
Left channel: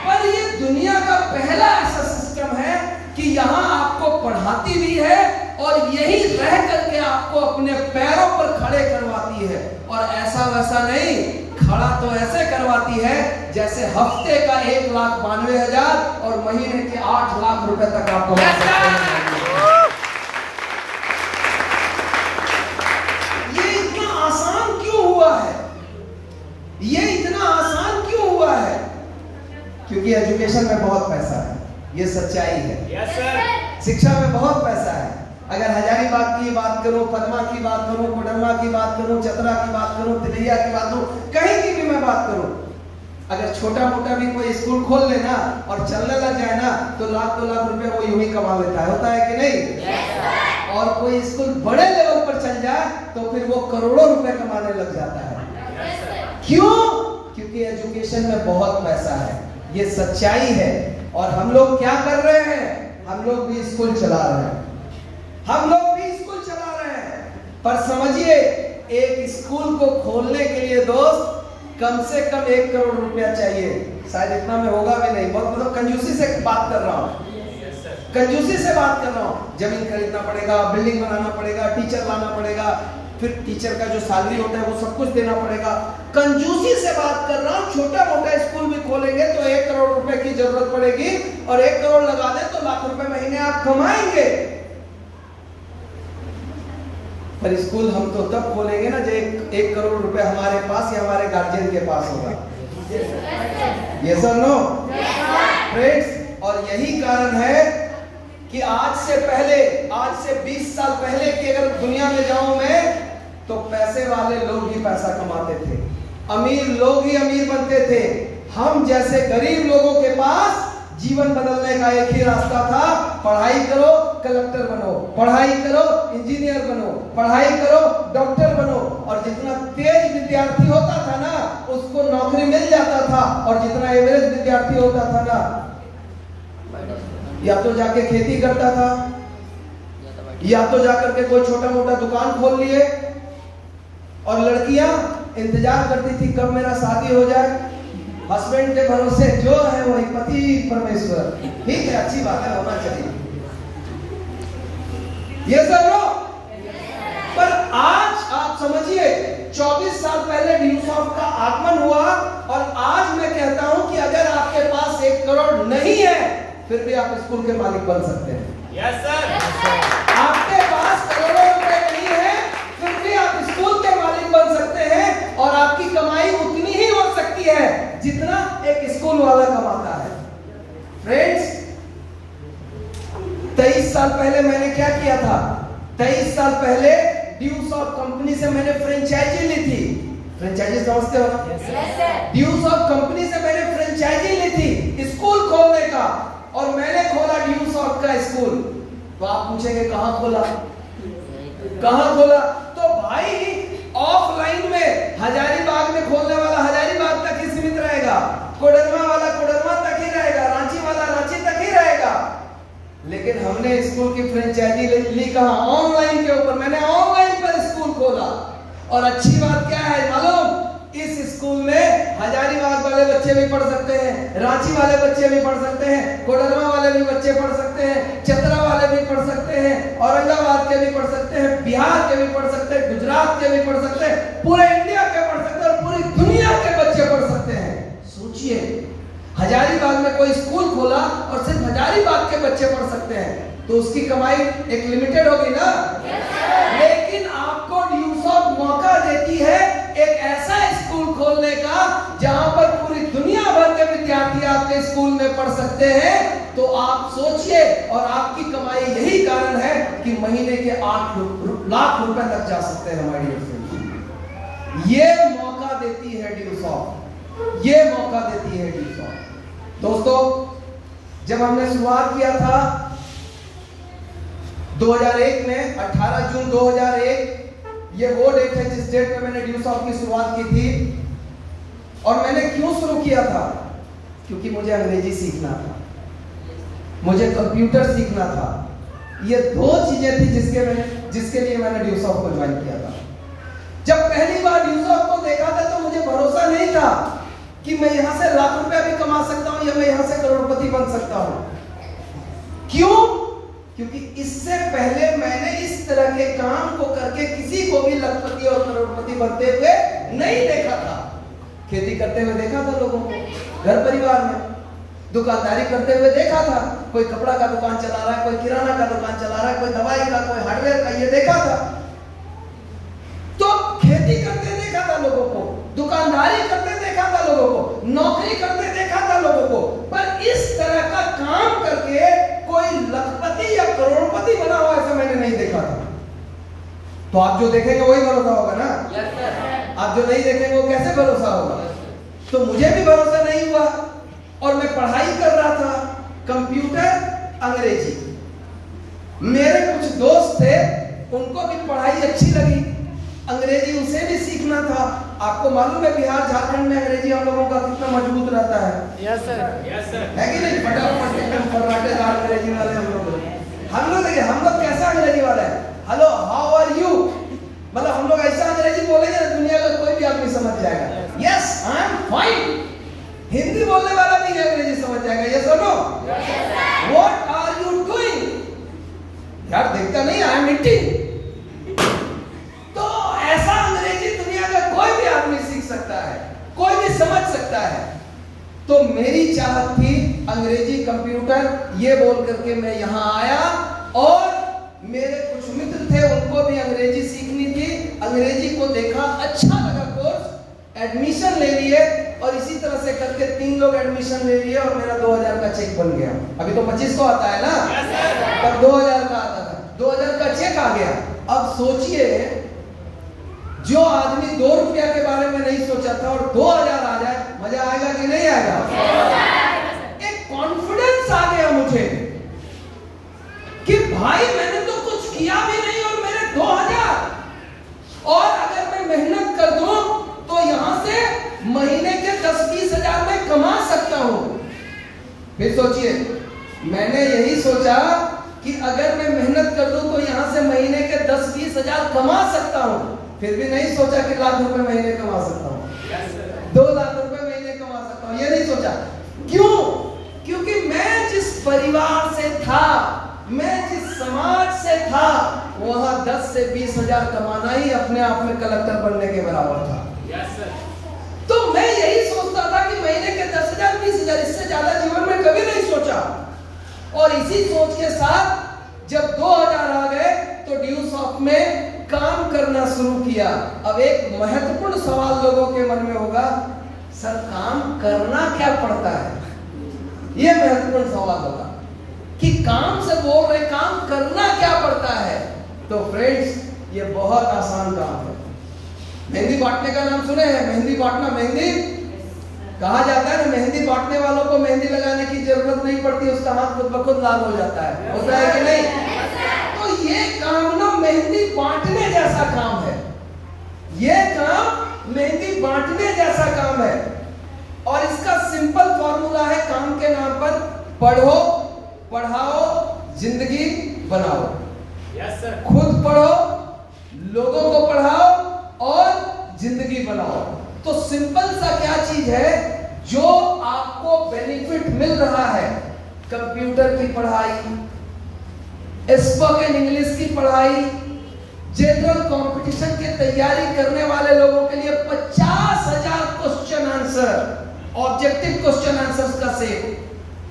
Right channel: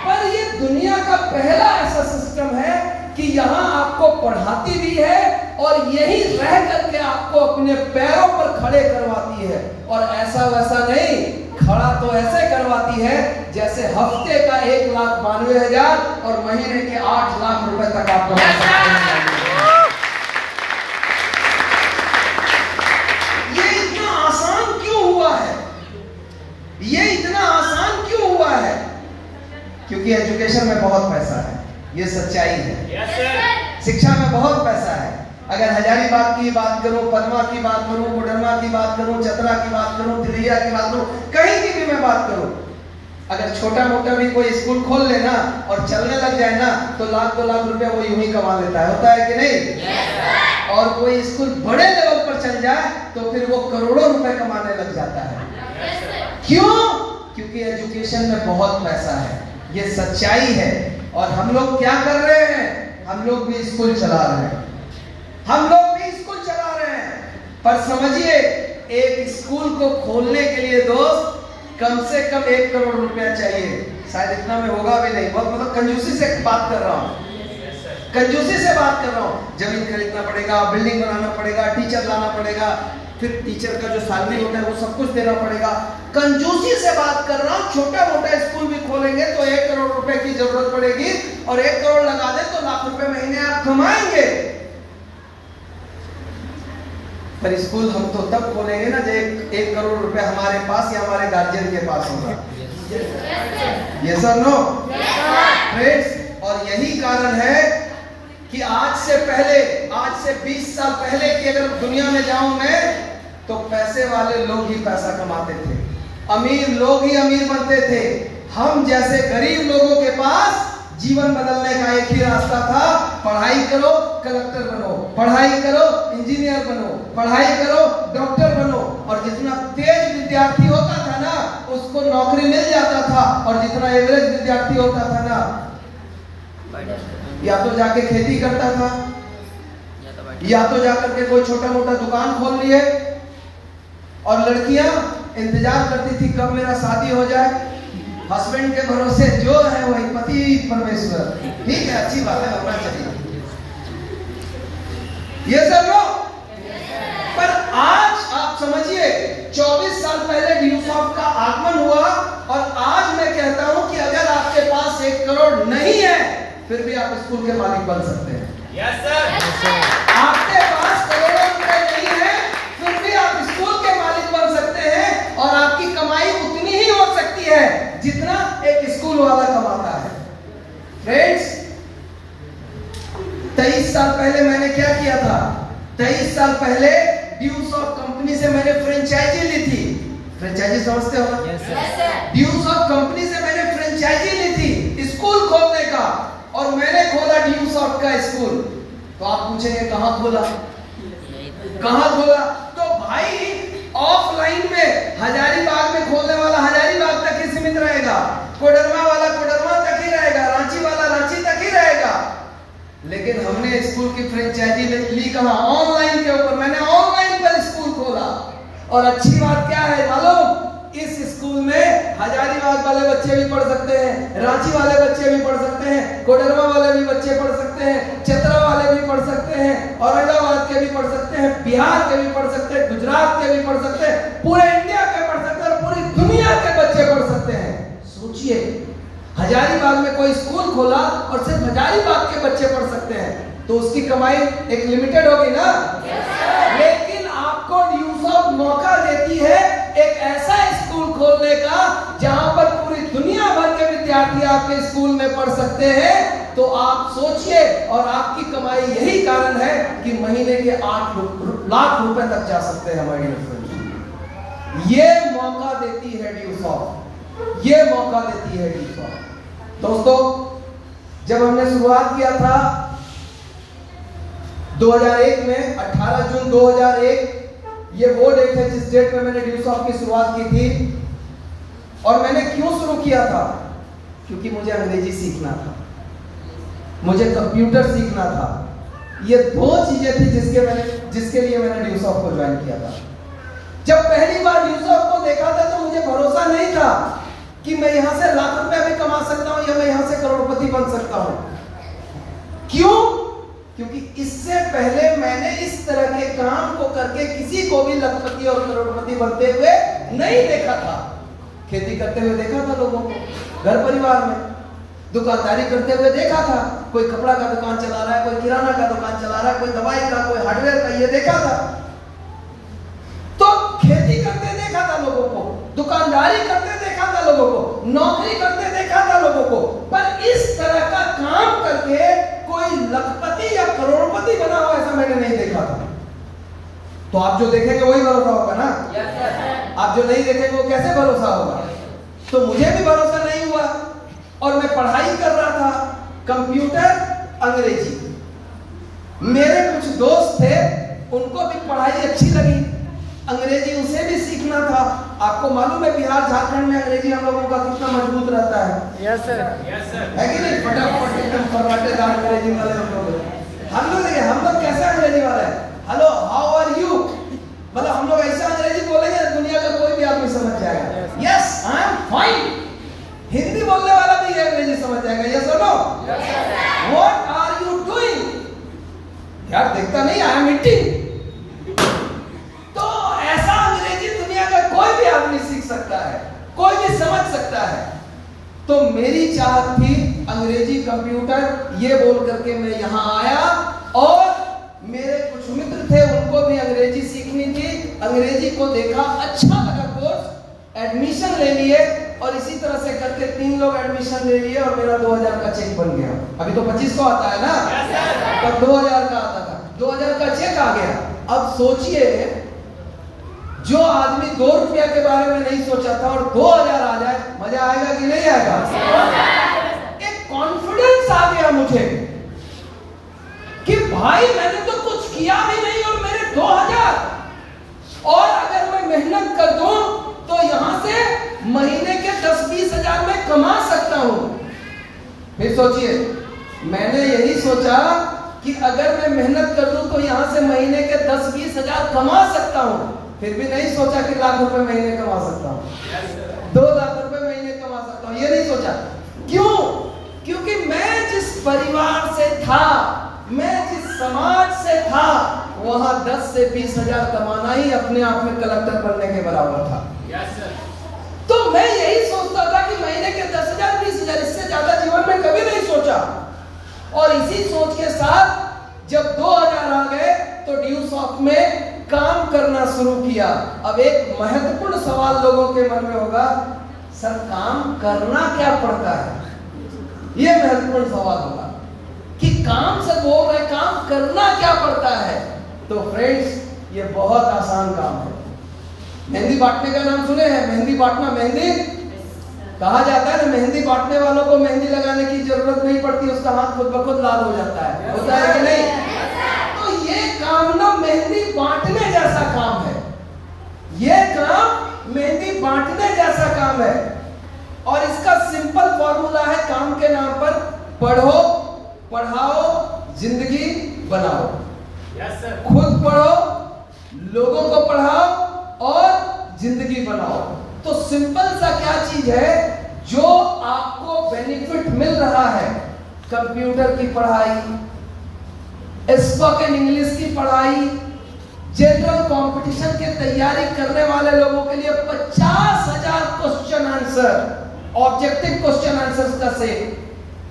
पर ये दुनिया का पहला ऐसा सिस्टम है कि यहाँ आपको पढ़ाती भी है और यही रह करके आपको अपने पैरों पर खड़े करवाती है। और ऐसा वैसा नहीं, खड़ा तो ऐसे करवाती है जैसे हफ्ते का 1,92,000 और महीने के 8 लाख रुपए तक आप कमा सकते हैं। ये इतना आसान क्यों हुआ है? ये इतना आसान क्यों हुआ है? क्योंकि एजुकेशन में बहुत पैसा है, ये सच्चाई है। शिक्षा में बहुत पैसा है। अगर हजारीबाग की बात करूं, पदमा की बात करूं, कोडरमा की बात करूं, चतरा की बात करूं, तिलैया की बात करूं, कहीं की भी मैं बात करूं, अगर छोटा मोटा भी कोई स्कूल खोल लेना और चलने लग जाए ना, तो 1,00,000 2 लाख रुपए वो यूं ही कमा लेता है। होता है कि नहीं? और कोई स्कूल बड़े लेवल पर चल जाए तो फिर वो करोड़ों रुपए कमाने लग जाता है। क्यों? क्योंकि एजुकेशन में बहुत पैसा है, ये सच्चाई है। और हम लोग क्या कर रहे हैं? हम लोग भी स्कूल चला रहे हैं, हम लोग भी स्कूल चला रहे हैं। पर समझिए, एक स्कूल को खोलने के लिए दोस्त कम से कम 1 करोड़ रुपया चाहिए। शायद इतना में होगा भी नहीं, बहुत मतलब कंजूसी से बात कर रहा हूँ, कंजूसी से बात कर रहा हूँ। जमीन खरीदना पड़ेगा, बिल्डिंग बनाना पड़ेगा, टीचर लाना पड़ेगा, फिर टीचर का जो सैलरी होता है वो सब कुछ देना पड़ेगा। कंजूसी से बात कर रहा हूँ। छोटा मोटा स्कूल भी खोलेंगे तो 1 करोड़ रुपए की जरूरत पड़ेगी, और 1 करोड़ लगा दे तो लाख रुपए महीने आप कमाएंगे। पर स्कूल हम तो तब खोलेंगे ना जब 1 करोड़ रुपए हमारे पास या हमारे गार्जियन के पास होगा। यस और नो फ्रेंड्स? और यही कारण है कि आज से पहले, आज से 20 साल पहले की अगर दुनिया में जाऊं मैं, तो पैसे वाले लोग ही पैसा कमाते थे, अमीर लोग ही अमीर बनते थे। हम जैसे गरीब लोगों के पास जीवन बदलने का एक ही रास्ता था, पढ़ाई करो, कलेक्टर बनो, पढ़ाई करो, इंजीनियर बनो, पढ़ाई करो, डॉक्टर बनो। और जितना तेज विद्यार्थी होता था ना, उसको नौकरी मिल जाता था, और जितना एवरेज विद्यार्थी होता था ना, या तो जाके खेती करता था, या तो जाकर के कोई छोटा मोटा दुकान खोल लिए। और लड़कियां इंतजार करती थी कब मेरा शादी हो जाए। हस्बैंड के भरोसे जो है वही पति परमेश्वर। ठीक है, अच्छी बात है, होना चाहिए, ये सब लोग। पर आज आप समझिए, 24 साल पहले ड्यूसॉफ्ट का आगमन हुआ, और आज मैं कहता हूं कि अगर आपके पास 1 करोड़ नहीं है, फिर भी आप स्कूल के मालिक बन सकते हैं। Yes sir. आपके पास करोड़ों रुपए नहीं है, फिर भी आप स्कूल के मालिक बन सकते हैं, और आपकी कमाई उतनी ही हो सकती है जितना एक स्कूल वाला कमाता है। फ्रेंड्स, 23 साल पहले मैंने क्या किया था? 23 साल पहले ड्यूसॉफ्ट कंपनी से मैंने फ्रेंचाइजी ली थी। फ्रेंचाइजी समझते हो? ड्यूसॉफ्ट कंपनी से मैंने फ्रेंचाइजी ली थी स्कूल खोलने का, और मैंने खोला ड्यूसॉफ्ट का स्कूल। तो आप पूछेंगे कहां खोला, कहां खोला? तो भाई ऑफलाइन में हजारीबाग में खोलने वाला हजारीबाग तक ही सीमित रहेगा, कोडरमा वाला कोडरमा तक ही रहेगा, रांची वाला रांची तक ही रहेगा। लेकिन हमने स्कूल की फ्रेंचाइजी ली कहां? ऑनलाइन के ऊपर। मैंने ऑनलाइन पर स्कूल खोला, और अच्छी बात क्या है मालूम? इस स्कूल में हजारीबाग वाले बच्चे भी पढ़ सकते हैं, रांची वाले बच्चे भी पढ़ सकते हैं, कोडरमा वाले भी बच्चे पढ़ सकते हैं, चतरा वाले भी पढ़ सकते हैं, औरंगाबाद के भी पढ़ सकते हैं, बिहार के भी पढ़ सकते हैं, गुजरात के भी पढ़ सकते हैं, पूरे इंडिया के पढ़ सकते हैं, और पूरी दुनिया के बच्चे पढ़ सकते हैं। सोचिए, हजारीबाग में कोई स्कूल खोला और सिर्फ हजारीबाग के बच्चे पढ़ सकते हैं, तो उसकी कमाई एक लिमिटेड होगी ना। लेकिन आपको ड्यूसॉफ्ट मौका देती है एक ऐसा स्कूल खोलने का जहां पर पूरी दुनिया भर के विद्यार्थी आपके स्कूल में पढ़ सकते हैं। तो आप सोचिए, और आपकी कमाई यही कारण है कि महीने के 8 लाख रुपए तक जा सकते हैं। हमारी ये मौका देती है ड्यूसॉफ्ट। ये मौका देती है ड्यूसॉफ्ट। दोस्तों, जब हमने शुरुआत किया था 2001 में, 18 जून 2001, ये वो डेट है जिस डेट में मैंने ड्यूसॉफ्ट की शुरुआत की थी। और मैंने क्यों शुरू किया था? क्योंकि मुझे अंग्रेजी सीखना था, मुझे कंप्यूटर सीखना था। ये दो चीजें थी जिसके लिए मैंने ड्यूसॉफ्ट को ज्वाइन किया था। जब पहली बार ड्यूसॉफ्ट को देखा था तो मुझे भरोसा नहीं था कि मैं यहां से लाख रुपए भी कमा सकता हूं या मैं यहां से करोड़पति बन सकता हूं। क्यों? क्योंकि इससे पहले मैंने इस तरह के काम को करके किसी को भी लखपति और करोड़पति बनते हुए नहीं देखा था। खेती करते हुए देखा था लोगों को, घर परिवार में दुकानदारी करते हुए देखा था, कोई कपड़ा का दुकान चला रहा है, कोई किराना का दुकान चला रहा है, कोई दवाई का, कोई हार्डवेयर का, ये देखा था। तो खेती करते देखा था लोगों को, दुकानदारी करते देखा था लोगों को, नौकरी करते देखा था लोगों को, पर इस तरह का काम करके कोई लखपति या करोड़पति बना हुआ ऐसा मैंने नहीं देखा था। तो आप जो देखेंगे वही भरोसा होगा ना? आप जो नहीं देखेंगे वो कैसे भरोसा होगा? तो मुझे भी भरोसा नहीं हुआ और मैं पढ़ाई कर रहा था, कंप्यूटर, अंग्रेजी। मेरे कुछ दोस्त थे, उनको भी पढ़ाई अच्छी लगी, अंग्रेजी उसे भी सीखना था। आपको मालूम है बिहार झारखंड में अंग्रेजी हम लोगों का कितना मजबूत रहता है? यस सर, है कि नहीं? फटाफट एकदम फर्राटेदार अंग्रेजी वाले हम लोग देखिए, हम लोग कैसा अंग्रेजी वाला है? हेलो, हाउ आर यू, मतलब हम लोग ऐसा अंग्रेजी बोलेंगे दुनिया का कोई भी आदमी समझ जाएगा। Yes, I am fine. Hindi बोलने वाला भी अंग्रेजी समझ जाएगा। यस और no? What are you doing? यार देखता नहीं, आई एम ईटिंग। तो ऐसा अंग्रेजी दुनिया का कोई भी आदमी सीख सकता है, कोई भी समझ सकता है। तो मेरी चाहत थी अंग्रेजी, कंप्यूटर, ये बोल करके मैं यहां आया और मेरे कुछ मित्र थे, उनको भी अंग्रेजी सीखनी थी। अंग्रेजी को देखा, अच्छा लगा कोर्स, एडमिशन ले लिए और इसी तरह से करके 3 लोग एडमिशन ले लिए और मेरा 2000 का चेक बन गया। अभी तो 2500 आता है ना, तब 2000 का आता था, 2000 का चेक आ गया। अब सोचिए, जो आदमी 2 रुपया के बारे में नहीं सोचा था और 2000 आ जाए, मजा आएगा कि नहीं आएगा? एक कॉन्फिडेंस आ गया मुझे कि भाई मैंने तो कुछ किया भी नहीं और मेरे 2000, और अगर मैं मेहनत कर दूं तो यहां से महीने के 10-20 हजार में कमा सकता हूं। फिर सोचिए, मैंने यही सोचा कि अगर मैं मेहनत कर दूं तो यहां से महीने के 10-20 हजार कमा सकता हूं। फिर भी नहीं सोचा कि लाख रुपए महीने कमा सकता हूं, 2 लाख रुपए महीने कमा सकता हूं, ये नहीं सोचा। क्यों? क्योंकि मैं जिस परिवार से था, मैं जिस समाज से था, वहां 10 से 20 हजार कमाना ही अपने आप में कलेक्टर बनने के बराबर था। तो मैं यही सोचता था कि महीने के 10,000 20,000, इससे ज्यादा जीवन में कभी नहीं सोचा। और इसी सोच के साथ जब 2000 आ गए तो ड्यूसॉफ्ट में काम करना शुरू किया। अब एक महत्वपूर्ण सवाल लोगों के मन में होगा, सर काम करना क्या पड़ता है? यह महत्वपूर्ण सवाल होगा कि काम से बोल रहे, काम करना क्या पड़ता है? तो फ्रेंड्स, ये बहुत आसान काम है। मेहंदी बांटने का नाम सुने हैं? मेहंदी बांटना, मेहंदी कहा जाता है ना, मेहंदी बांटने वालों को मेहंदी लगाने की जरूरत नहीं पड़ती, उसका हाथ खुद ब खुद लाल हो जाता है। होता है कि नहीं? तो ये काम ना मेहंदी बांटने जैसा काम है। ये काम मेहंदी बांटने जैसा काम है और इसका सिंपल फॉर्मूला है काम के नाम पर, पढ़ो, पढ़ाओ, जिंदगी बनाओ। Yes sir. खुद पढ़ो, लोगों को पढ़ाओ और जिंदगी बनाओ। तो सिंपल सा क्या चीज है जो आपको बेनिफिट मिल रहा है? कंप्यूटर की पढ़ाई, स्पोकन इंग्लिश की पढ़ाई, जनरल कंपटीशन की तैयारी करने वाले लोगों के लिए 50,000 question answer, objective question answers का सेट,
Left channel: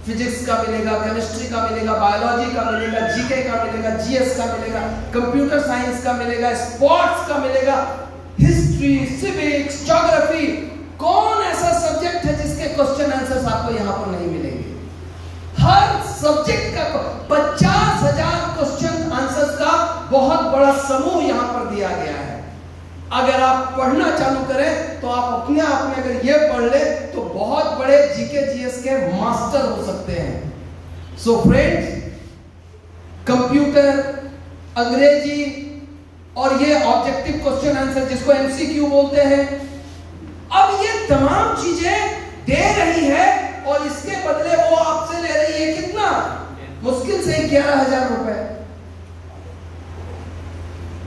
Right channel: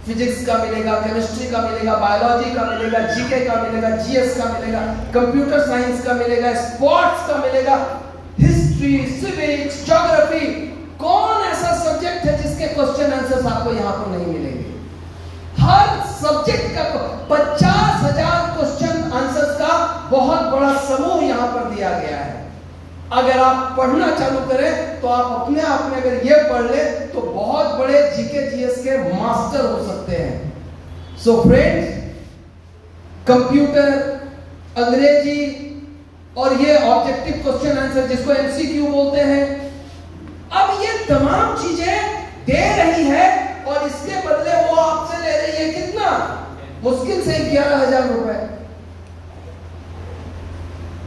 फिजिक्स का मिलेगा, केमिस्ट्री का मिलेगा, बायोलॉजी का मिलेगा, जीके का मिलेगा, जीएस का मिलेगा, कंप्यूटर साइंस का मिलेगा, स्पोर्ट्स का मिलेगा, हिस्ट्री, सिविक्स, ज्योग्राफी। कौन ऐसा सब्जेक्ट है जिसके क्वेश्चन आंसर्स आपको यहां पर नहीं मिलेंगे? हर सब्जेक्ट का 50,000 क्वेश्चन आंसर्स का बहुत बड़ा समूह यहां पर दिया गया है। अगर आप पढ़ना चालू करें तो आप अपने आप में अगर ये पढ़ ले तो बहुत बड़े जीके जीएस के मास्टर हो सकते हैं। सो फ्रेंड्स, कंप्यूटर, अंग्रेजी और ये ऑब्जेक्टिव क्वेश्चन आंसर जिसको एमसीक्यू बोलते हैं, अब ये तमाम चीजें दे रही है और इसके बदले वो आपसे ले रही है कितना? मुश्किल से 11,000 रुपए।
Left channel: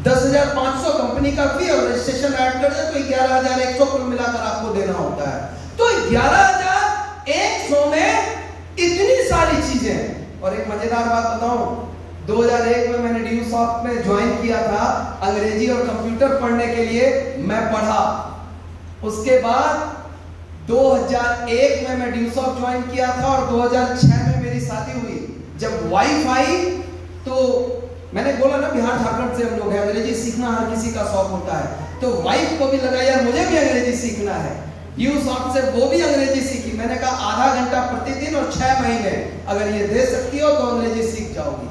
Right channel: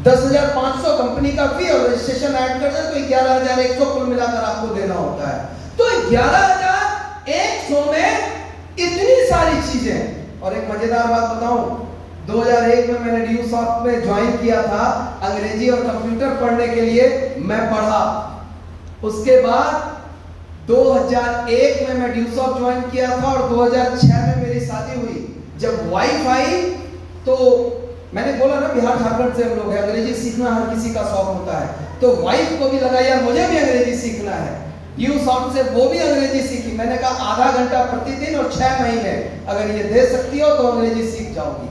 10,500 कंपनी का फी और रजिस्ट्रेशन ऐड कर दे तो 11,100 कुल मिलाकर आपको देना होता है। तो 11,100 में इतनी सारी चीजें। और एक मजेदार बात बताऊं, 2001 में मैंने ड्यू सॉफ्ट में ज्वाइन किया था अंग्रेजी और कंप्यूटर पढ़ने के लिए। मैं पढ़ा, उसके बाद 2001 में मैं ड्यू सॉफ्ट ज्वाइन किया था और 2006 में मेरी शादी हुई। जब वाइफ आई तो मैंने बोला ना बिहार झारखंड से हम लोग हैं, अंग्रेजी सीखना हर किसी का शौक होता है। तो वाइफ को भी लगा यार मुझे भी अंग्रेजी सीखना है। ड्यू सॉफ्ट से वो भी अंग्रेजी सीखी। मैंने कहा आधा घंटा प्रतिदिन और 6 महीने अगर ये दे सकती हो तो अंग्रेजी सीख जाओगी।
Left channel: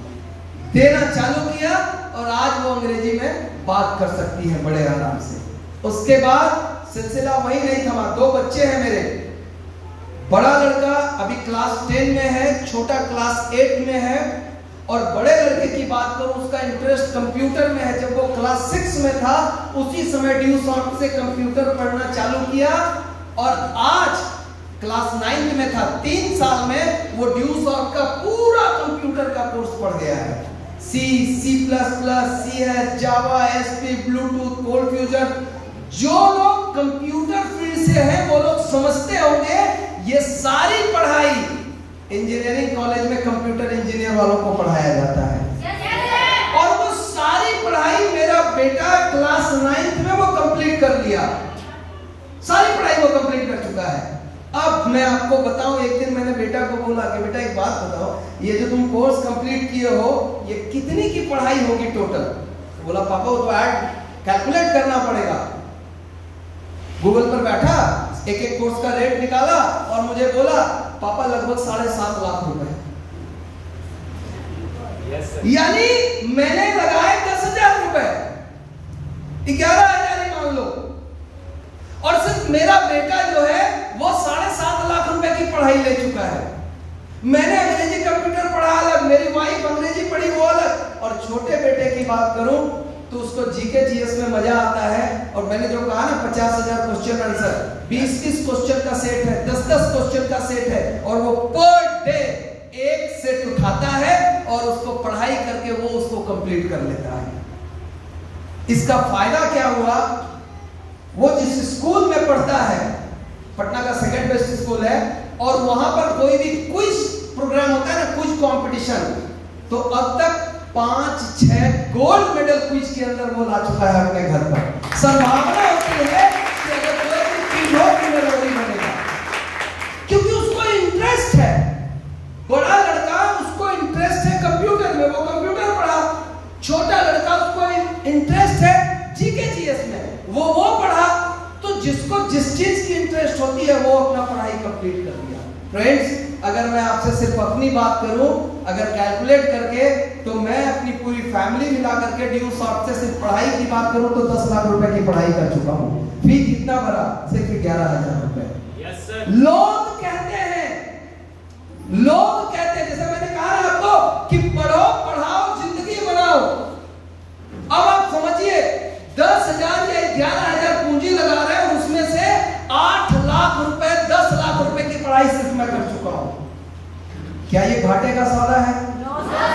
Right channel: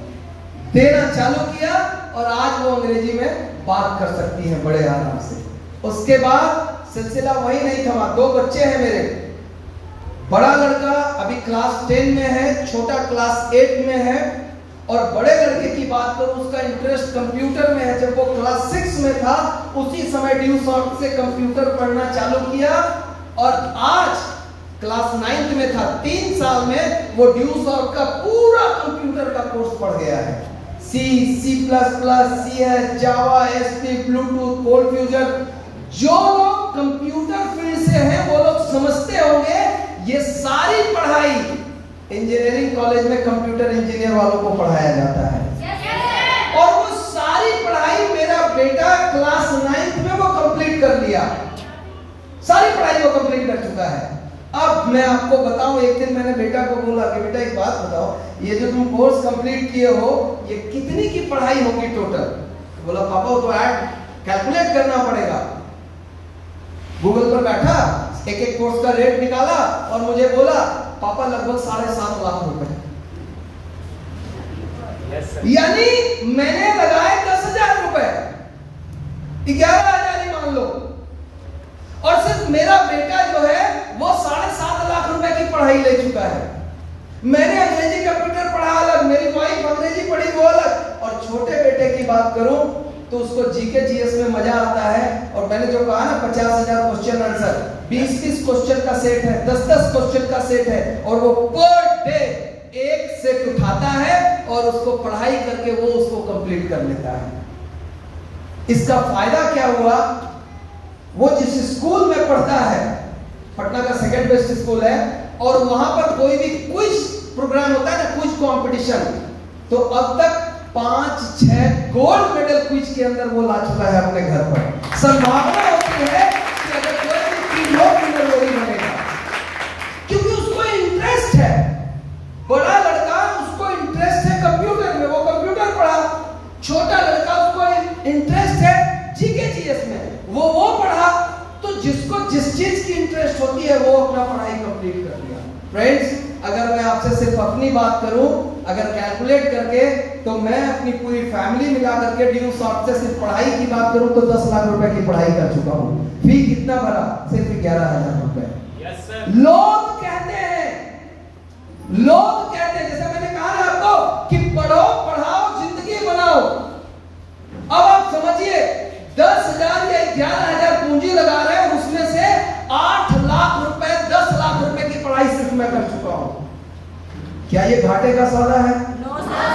देना चालू किया और आज वो अंग्रेजी में बात कर सकती है बड़े आराम से। उसके बाद सिलसिला वही नहीं थमा। 2 बच्चे हैं मेरे। बड़ा लड़का अभी क्लास 10 में है, छोटा क्लास 8 में है। और बड़े लड़के की बात करूं, उसका इंटरेस्ट कंप्यूटर में है। जब वो क्लास 6 में था उसी समय ड्यू सॉफ्ट से कंप्यूटर पढ़ना चालू किया और आज क्लास 9 में था। 3 साल में वो ड्यू सॉफ्ट का पूरा कंप्यूटर का कोर्स पढ़ गया है। C, C++, CS, जावा, एसपी, ब्लूटूथ, कोल्ड फ्यूजन। जो लोग कंप्यूटर फील्ड से हैं वो लोग समझते होंगे ये सारी पढ़ाई इंजीनियरिंग कॉलेज में कंप्यूटर इंजीनियर वालों को पढ़ाया जाता है। और वो सारी पढ़ाई मेरा बेटा क्लास 9 में वो कंप्लीट कर लिया। सारी पढ़ाई वो कंप्लीट कर चुका है। अब मैं आपको बताऊं, एक दिन मैंने बेटा को बोला कि बेटा एक बात बताओ, ये जो तुम कोर्स कंप्लीट किए हो ये कितनी की पढ़ाई होगी टोटल? बोला पापा वो तो ऐड कैलकुलेट करना पड़ेगा। गूगल पर बैठा, एक कोर्स का रेट निकाला और मुझे बोला पापा लगभग 7.5 लाख रुपए। यानी मैंने लगाए 10,000 रुपए, 11,000 ही मान लो। और सिर्फ मेरा बेटा जो है वो 7.5 लाख रुपए की पढ़ाई ले चुका है। मैंने अंग्रेजी कंप्यूटर पढ़ा अलग, मेरी वाइफ अंग्रेजी पढ़ी वो अलग। और छोटे बेटे की बात करूं तो उसको जीके जीएस में मजा आता है। और मैंने जो कहा ना 50,000 क्वेश्चन आंसर, 20-20 क्वेश्चन का सेट है, 10-10 क्वेश्चन का सेट है। और वो पर डे एक सेट उठाता है और उसको पढ़ाई करके वो उसको कंप्लीट कर लेता है। इसका फायदा क्या हुआ? वो जिस स्कूल में पढ़ता है, पटना का सेकेंड बेस्ट स्कूल है, और वहां पर कोई भी क्विज प्रोग्राम होता है ना, क्विज कंपटीशन, तो अब तक 5-6 गोल्ड मेडल क्विज के अंदर वो ला चुका है अपने घर पर। संभावना होती है कि अगर कोई भी क्विज हो तो वो ही बनेगा, क्योंकि उसको इंटरेस्ट है। बड़ा लड़का उसको इंटरेस्ट है कंप्यूटर में, वो कंप्यूटर पढ़ा। छोटा लड़का उसको इंटरेस्ट है जीके जीएस में, वो पढ़ा। तो जिसको जिस चीज की इंटरेस्ट होती है वो अपना पढ़ाई कंप्लीट कर लिया। फ्रेंड्स, अगर मैं आपसे सिर्फ अपनी बात करूं, अगर कैलकुलेट करके, तो मैं अपनी पूरी फैमिली मिला करके ड्यू सॉफ्ट से सिर्फ पढ़ाई की बात करूं तो 10 लाख रुपए की पढ़ाई कर चुका हूं। फी कितना भरा? सिर्फ 11,000 रुपए। लोग कहते हैं, जैसे मैंने कहा ना आपको कि पढ़ो, पढ़ाओ, जिंदगी बनाओ। अब आप समझिए 10,000 या 11,000 पूंजी लगा रहे हैं, उसमें से 8 लाख रुपए, 10 लाख रुपए की पढ़ाई सिर्फ मैं कर चुका हूं। क्या ये घाटे का सौदा है? No sir.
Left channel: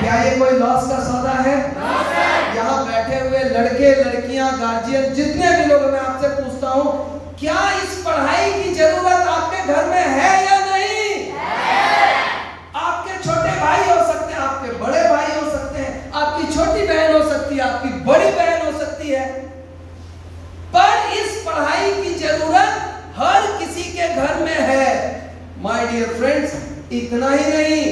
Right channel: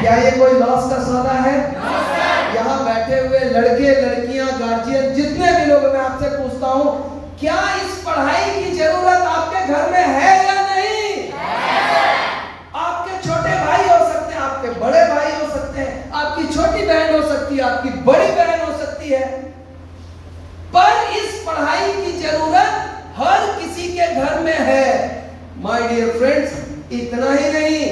क्या ये कोई लॉस का सौदा है? No sir. यहाँ बैठे हुए लड़के, लड़कियां, गार्जियन, जितने भी लोग, मैं आपसे पूछता हूं, क्या इस पढ़ाई की जरूरत आपके घर में है या नहीं? है। आपके छोटे भाई हो सकते हैं, आपके बड़े भाई हो सकते हैं, आपकी छोटी बहन हो सकती है, आपकी बड़ी बहन हो सकती है, पर इस पढ़ाई की जरूरत हर किसी के घर में है। माय डियर फ्रेंड्स, इतना ही नहीं,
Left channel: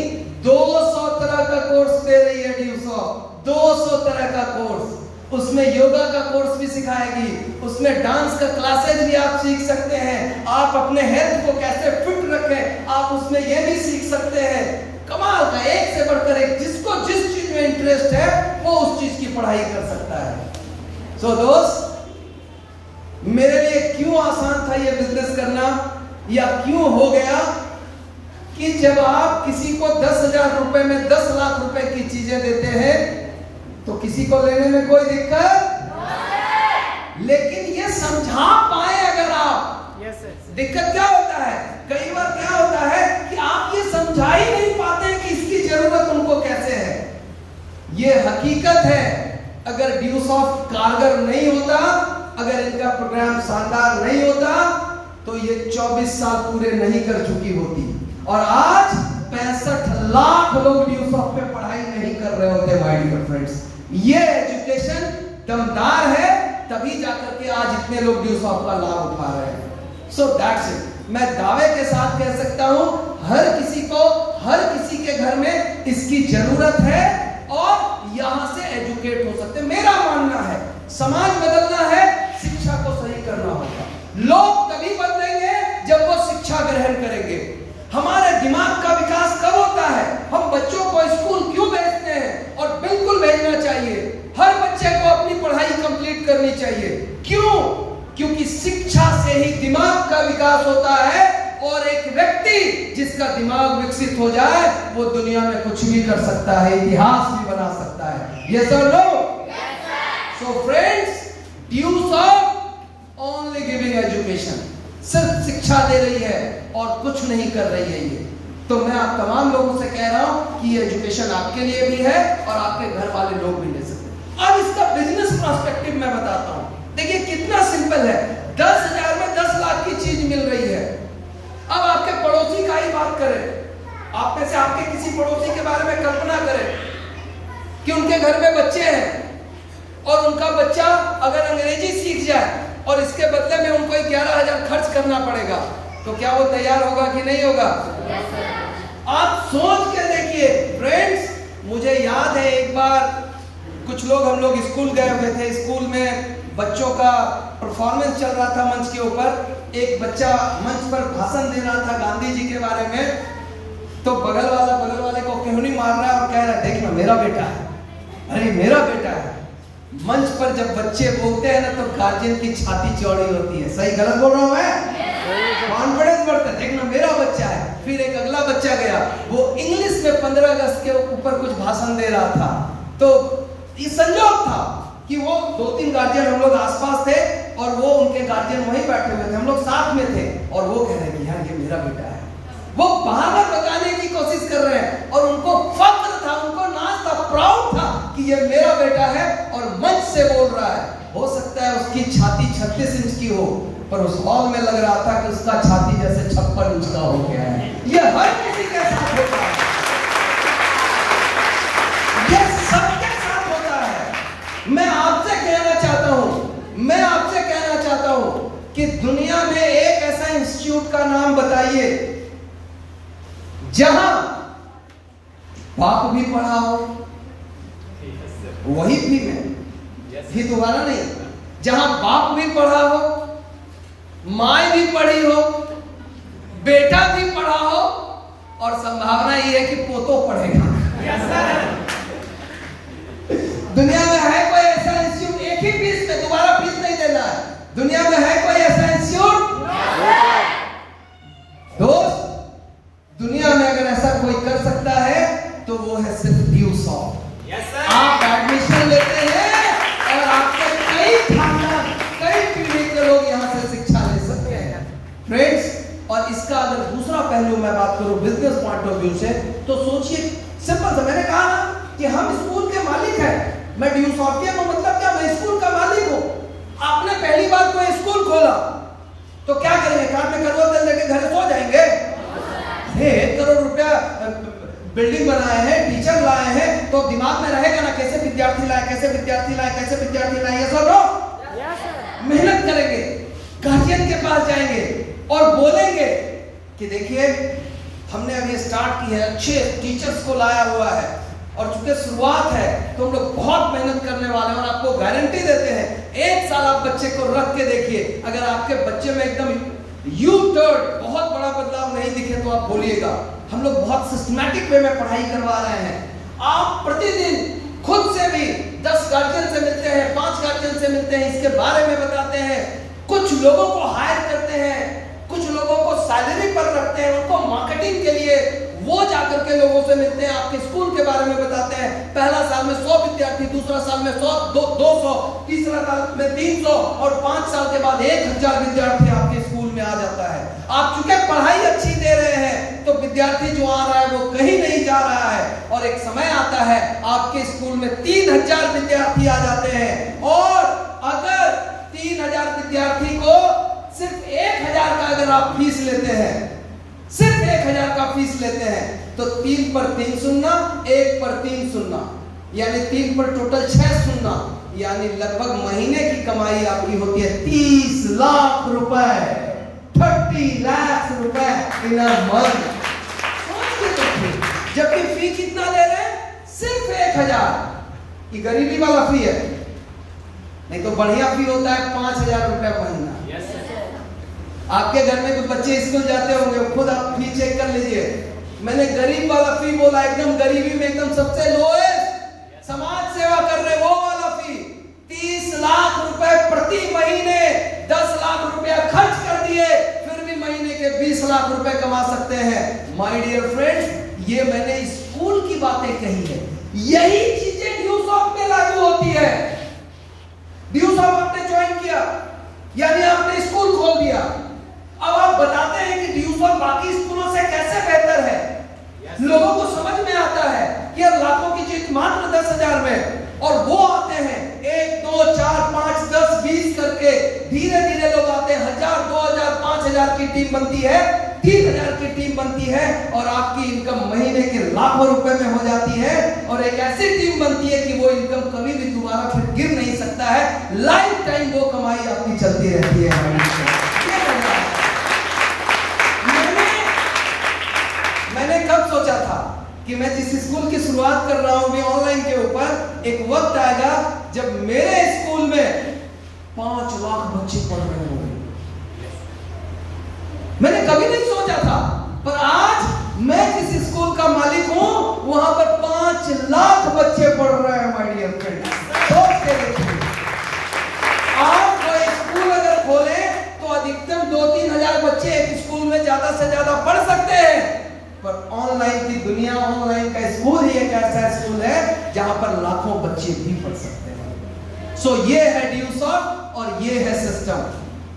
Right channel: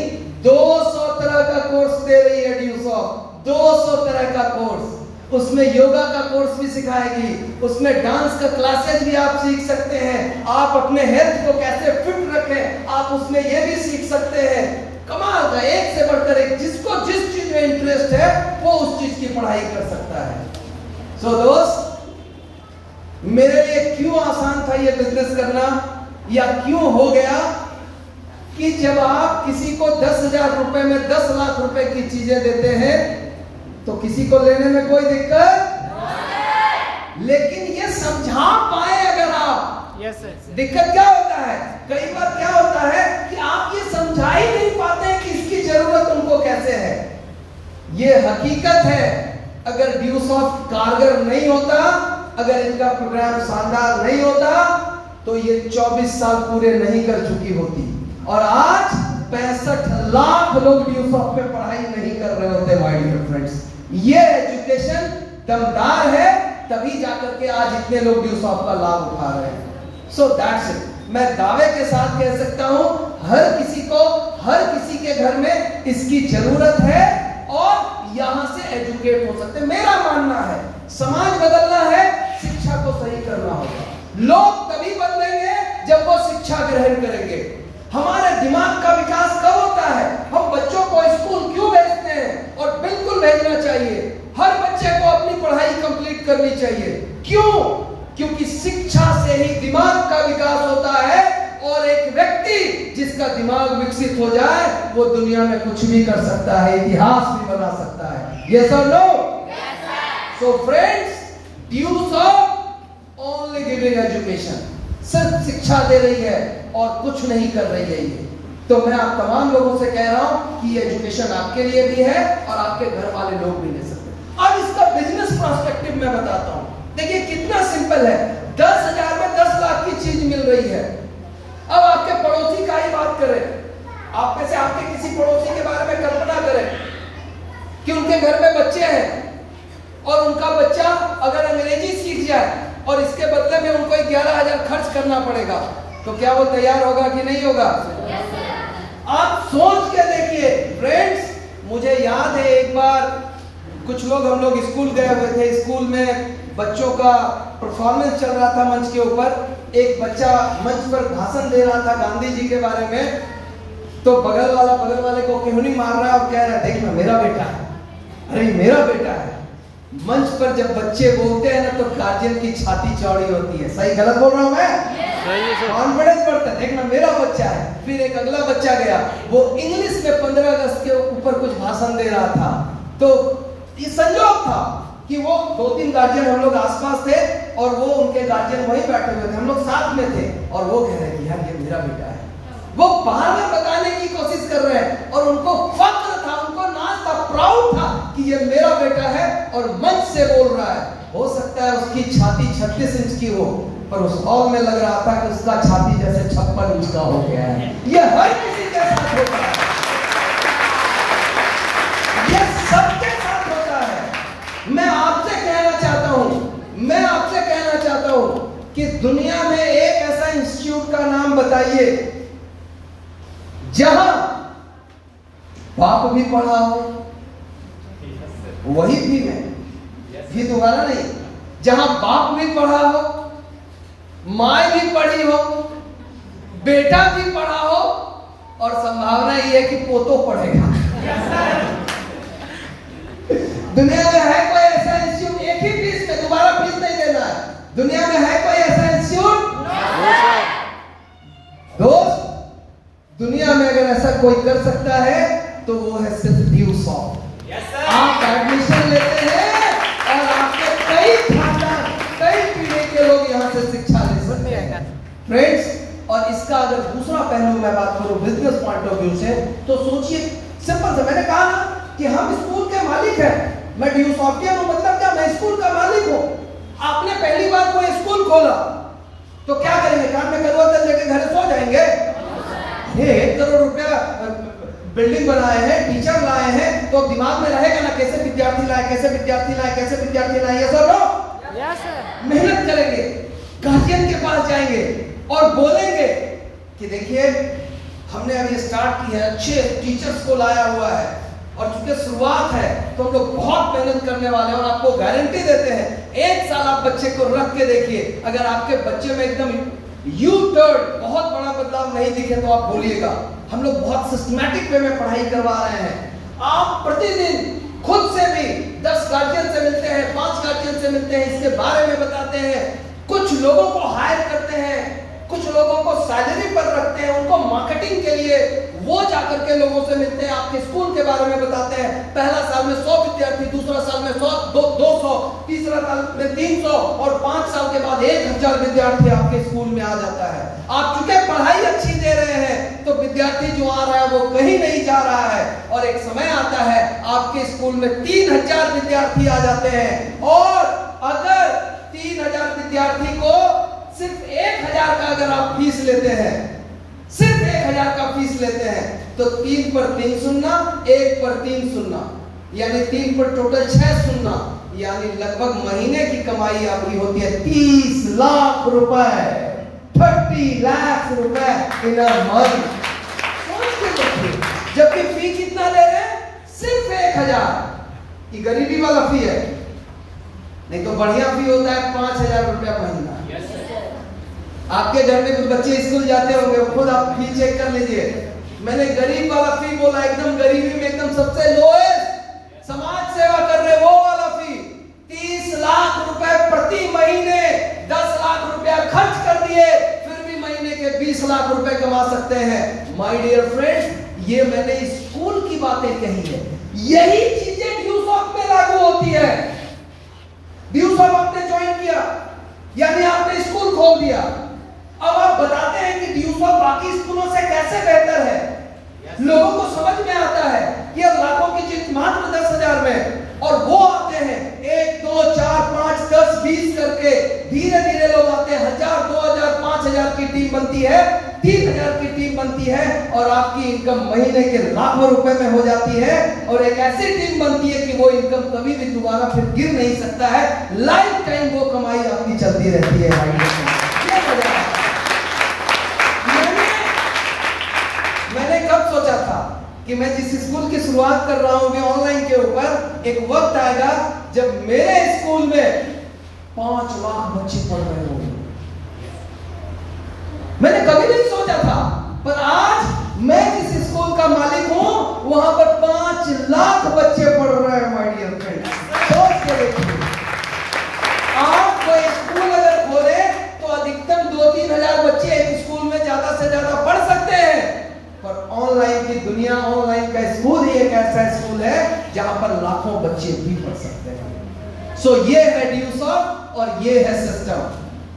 200 तरह का कोर्स दे रही है ड्यू सॉफ्ट। 200 तरह का कोर्स, उसमें योगा का कोर्स भी सिखाएगी, उसमें डांस का क्लासेज भी आप सीख सकते हैं। आप अपने हेल्थ को कैसे फिट रखें, आप उसमें ये भी सीख सकते हैं। कमाल का, एक से बढ़कर एक, जिसको जिस चीज में इंटरेस्ट है वो उस चीज की पढ़ाई कर सकता है। सो दोस्त, मेरे लिए क्यों आसान था ये बिजनेस करना, या क्यों हो गया कि जब आप किसी को 10,000 रुपए में 10 लाख रुपए की चीजें देते हैं तो किसी को लेने में कोई दिक्कत, लेकिन ये समझा पाए अगर आप, दिक्कत क्या होता है, कई बार क्या होता है कि आप ये समझा ही नहीं पाते हैं कि इसकी जरूरत उनको कैसे है। ये हकीकत है, अगर ड्यूसॉफ्ट कारगर नहीं होता, अगर इनका प्रोग्राम शानदार नहीं होता तो ये 24 साल पूरे नहीं कर चुकी होती, और आज 65 लाख लोग ड्यूसॉफ्ट पे पढ़ाई नहीं कर रहे होते। माय डियर फ्रेंड्स, ये एजुकेशन दमदार है, तभी जाकर के आज इतने लोग ड्यूसॉफ्ट का लाभ उठा रहे हैं। So that's it. मैं दावे के साथ कह सकता हूं, हर किसी को, हर किसी के घर में इसकी जरूरत है और यहां से एजुकेट हो सकते हैं। मेरा मानना है समाज बदलना है, शिक्षा को सही करना होगा। लोग तभी बदलेंगे जब वो शिक्षा ग्रहण करेंगे। हमारे दिमाग का विकास कब होता है, हम बच्चों को स्कूल क्यों भेजते हैं, और बिल्कुल भेजना चाहिए। हर बच्चे को अपनी पढ़ाई कंप्लीट करनी चाहिए। क्यों? क्योंकि शिक्षा से ही दिमाग का विकास होता है, और एक व्यक्ति जिसका दिमाग विकसित हो जाए वो दुनिया में कुछ भी कर सकता है, इतिहास भी बना सकता है। यस और no? So friends, Dusoft only giving education, सिर्फ शिक्षा दे रही है और कुछ नहीं कर रही है ये। तो मैं आप तमाम लोगों से कह रहा हूं कि ये एजुकेशन आपके लिए भी है और आपके घर वाले लोग भी ले सकते हैं। अब इसका बिजनेस पर्सपेक्टिव मैं बताता हूं। देखिए कितना सिंपल है, 10,000 में 10 लाख की चीज मिल रही है। अब आपके पड़ोसी का ही बात करें, आप में से आपके किसी पड़ोसी के बारे में कल्पना करें कि उनके घर में बच्चे हैं और उनका बच्चा अगर अंग्रेजी सीख जाए और इसके बदले में उनको 11,000 खर्च करना पड़ेगा, तो क्या वो तैयार होगा कि नहीं होगा? आप सोच के देखिए फ्रेंड्स। मुझे याद है एक बार कुछ लोग, हम लोग स्कूल गए हुए थे, स्कूल में बच्चों का परफॉर्मेंस चल रहा था मंच के ऊपर। एक बच्चा मंच पर भाषण दे रहा था गांधी जी के बारे में, तो बगल वाले को क्यों नहीं मार रहा है और कह रहा है देखना मेरा बेटा है, अरे मेरा बेटा है। मंच पर जब बच्चे बोलते हैं ना तो गार्जियन की छाती चौड़ी होती है। सही गलत बोल रहा हूं मैं? कॉन्फिडेंस बढ़ता है, देखना मेरा बच्चा है। फिर एक अगला बच्चा गया, वो इंग्लिश में 15 अगस्त के ऊपर कुछ भाषण दे रहा था। तो ये संयोग था कि वो 2-3 गार्जियन हम लोग आसपास थे और वो उनके गार्जियन वहीं बैठे हुए थे, हम लोग साथ में थे, और वो कह रहे हैं यार ये मेरा बेटा है। वो बहाना बताने की कोशिश कर रहे हैं और उनको फक्र था, उनको नाज था, प्राउड था कि ये मेरा बेटा है और मंच से बोल रहा है। हो सकता है उसकी छाती 36 इंच की हो, पर उस हॉल में लग रहा था कि उसका छाती जैसे 56 इंच का हो गया है। ये हर किसी के साथ होता है, ये सबके साथ होता है। मैं आपसे कहना चाहता हूं कि दुनिया में एक ऐसा इंस्टीट्यूट का नाम बताइए जहां बाप भी पढ़ा हो, वही भी में भी दोबारा नहीं, जहां बाप भी पढ़ा हो, माँ भी पढ़ी हो, बेटा भी पढ़ा हो, और संभावना ये है कि पोतो पढ़ेगा। दुनिया में है कोई ऐसा इंस्टीट्यूट? एक ही फीस में, दोबारा फीस नहीं देना है। दुनिया में है कोई ऐसा इंस्टीट्यूट? दोस्त, दुनिया में अगर ऐसा कोई कर सकता है तो वो है सिर्फ ड्यूसॉफ्ट। आप एडमिशन लेते हैं और आपके कई खानदान, कई पीढ़ी के लोग यहाँ से शिक्षा ले सकते हैं फ्रेंड्स। और इसका अगर दूसरा पहलू मैं बात करूं बिजनेस पॉइंट ऑफ व्यू से, तो सोचिए सिंपल सा, मैंने कहा ना कि हम स्कूल के मालिक हैं। मैं ड्यूसॉफ्टियन हूं, मतलब क्या, मैं स्कूल का मालिक हूं। आपने पहली बार कोई स्कूल खोला तो क्या करेंगे? कान में कदवा तेल लेके घर सो जाएंगे? 1 करोड़ रुपया बिल्डिंग बनाए हैं, टीचर लाए हैं, तो दिमाग में रहेगा ना कैसे विद्यार्थी लाए, कैसे विद्यार्थी लाए, कैसे विद्यार्थी लाए। ये सब लोग मेहनत करेंगे, गार्जियन के पास जाएंगे और बोलेंगे कि देखिए हमने अभी स्टार्ट की है, अच्छे टीचर्स को लाया हुआ है, और चूंकि शुरुआत है तो हम लोग बहुत मेहनत करने वाले हैं और आपको गारंटी देते हैं 1 साल आप बच्चे को रख के देखिए, अगर आपके बच्चे में एकदम यू-टर्न, बहुत बड़ा बदलाव नहीं दिखे तो आप बोलिएगा। हम लोग बहुत सिस्टमैटिक वे में पढ़ाई करवा रहे हैं। आप प्रतिदिन खुद से भी 10 गार्जियन से मिलते हैं, 5 गार्जियन से मिलते हैं, इसके बारे में बताते हैं, कुछ लोगों को हायर करते हैं, कुछ लोगों को सैलरी पर रखते हैं, उनको मार्केटिंग के लिए वो जाकर के लोगों से मिलते हैं, आपके स्कूल के बारे में बताते हैं। पहला साल में 100 विद्यार्थी, दूसरा साल में 200, तीसरा साल में 300 और 5 साल के बाद 1000 विद्यार्थी आपके स्कूल में आ जाता है। आप चूंकि पढ़ाई अच्छी दे रहे हैं तो विद्यार्थी जो आ रहा है वो कहीं नहीं जा रहा है, और एक समय आता है आपके स्कूल में 3000 विद्यार्थी आ जाते हैं, और अगर 3000 विद्यार्थी को सिर्फ 1000 का अगर आप फीस लेते हैं, सिर्फ 1000 का फीस लेते हैं, तो 3 पर 3 सुनना, 1 पर 3 सुनना, यानी 3 पर टोटल 6 सुनना, यानी लगभग महीने की कमाई आपकी होती है 30 लाख रुपए, 30 लाख रुपए इन अ मंथ। सोच के देखिए, जबकि फी कितना ले रहे हैं? सिर्फ 1000। ये गरीबी वाला फी है, नहीं तो बढ़िया फी होता है 5000 रुपया महीना। आपके घर में कुछ बच्चे स्कूल जाते होंगे, खुद आप फी चेक कर लीजिए। मैंने गरीब वाला फी बोला, एकदम गरीबी में एकदम सबसे लोएस्ट समाज सेवा कर रहे वो वाला फी। 30 लाख रुपए प्रति महीने, 10 लाख रुपया खर्च कर दिए, फिर भी महीने के 20 लाख रुपए कमा सकते हैं। माय डियर फ्रेंड्स, ये मैंने स्कूल की बातें कही है, यही चीजें ड्यूसॉफ्ट में लागू होती है। ड्यूसॉफ्ट आपने ज्वाइन किया, यानी आपने स्कूल खोल दिया। अब आप बताते हैं कि ड्यूसॉफ्ट बाकी स्कूलों से कैसे बेहतर है। लोगों को समझ में आता है कि अब लाखों की चीज मात्र 10,000 में, और वो आते हैं 1, 2, 4, 5, 10, 20 करके, धीरे धीरे लोग आते हैं। 1000, 2000, 5000 की टीम बनती है, 3000 की टीम बनती है, और आपकी इनकम महीने के लाखों रुपए में हो जाती है, और एक ऐसी टीम बनती है कि वो इनकम कभी भी दोबारा फिर गिर नहीं सकता है। लाइफ टाइम वो कमाई आपकी चलती रहती है। मैंने कब सोचा था कि मैं जिस स्कूल की शुरुआत कर रहा हूं ऑनलाइन के ऊपर, एक वक्त आएगा जब मेरे स्कूल में 5 लाख बच्चे पढ़ रहे होंगे। मैंने कभी नहीं सोचा था, पर आज मैं जिस स्कूल का मालिक हूं वहां पर 5 लाख बच्चे पढ़ रहे हैं। माय डियर फ्रेंड्स, सोच के देखिए, आप कोई स्कूल अगर खोले तो अधिकतम 2-3 हजार बच्चे एक स्कूल में ज्यादा से ज्यादा पढ़ सकते हैं, पर ऑनलाइन की दुनिया, ऑनलाइन का स्कूल ही एक ऐसा स्कूल है जहां पर लाखों बच्चे भी पढ़ सकते हैं। सो ये है ड्यूसॉफ्ट और ये है सिस्टम।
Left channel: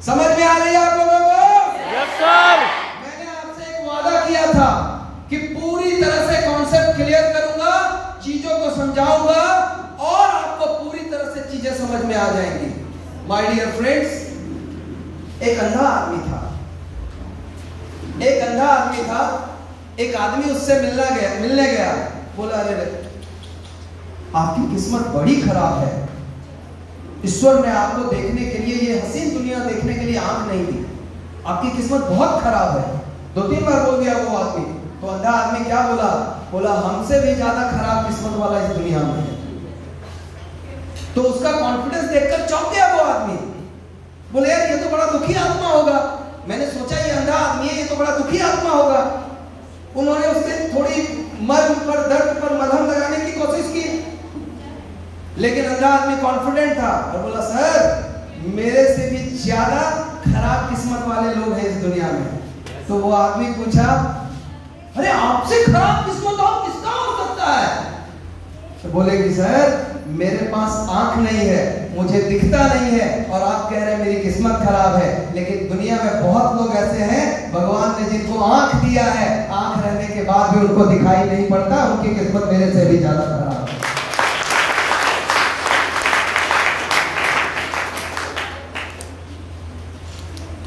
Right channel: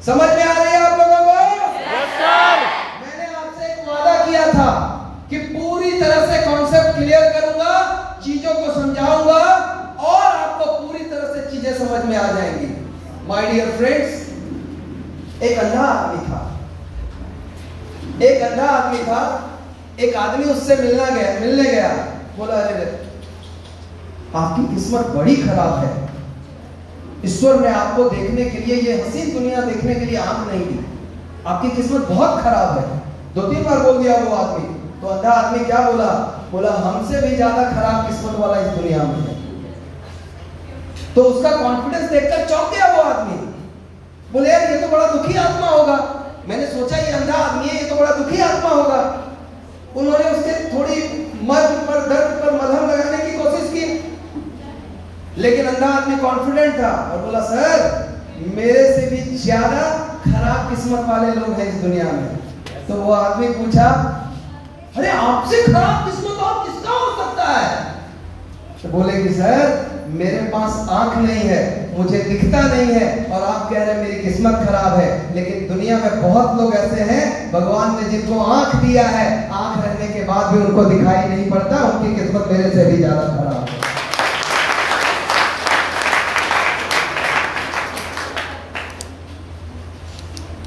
समझ में आ रही है आप लोगों को? Yes sir. मैंने आपसे एक वादा किया था कि पूरी तरह से कॉन्सेप्ट क्लियर करूंगा, चीजों को समझाऊंगा, और आपको पूरी तरह से चीजें समझ में आ जाएंगी। माय डियर फ्रेंड्स, एक अंधा आदमी था, एक आदमी उससे मिलने गया। बोला, अरे आपकी किस्मत बड़ी खराब है, ईश्वर ने आपको देखने के लिए, ये हसीन दुनिया देखने के लिए आंख नहीं दी, आपकी किस्मत बहुत खराब है। 2-3 बार बोल दिया वो आदमी। तो अंधा आदमी क्या बोला, हमसे भी ज्यादा खराब किस्मत वाला इस दुनिया में है। तो उसका कॉन्फिडेंस देखकर चौंक गया वो आदमी। बोले, यार ये तो बड़ा दुखी आत्मा होगा। मैंने सोचा ये अंधा आदमी है, ये तो बड़ा दुखी आत्मा होगा। उन्होंने उसके थोड़ी मर्म पर, दर्द पर मलहम लगाने की कोशिश की, लेकिन अंधा आदमी कॉन्फिडेंट था और बोला, सर मेरे से भी ज्यादा खराब किस्मत वाले लोग हैं इस दुनिया में। तो वो आदमी पूछा, अरे आपसे खराब किस्मत और किसका हो सकता है? तो बोले कि सर मेरे पास आंख नहीं है, मुझे दिखता नहीं है, और आप कह रहे हैं मेरी किस्मत खराब है। लेकिन दुनिया में बहुत लोग ऐसे हैं भगवान ने जिनको आंख दिया है, आंख रहने के बाद भी उनको दिखाई नहीं पड़ता, उनकी किस्मत मेरे से भी ज्यादा खराब है।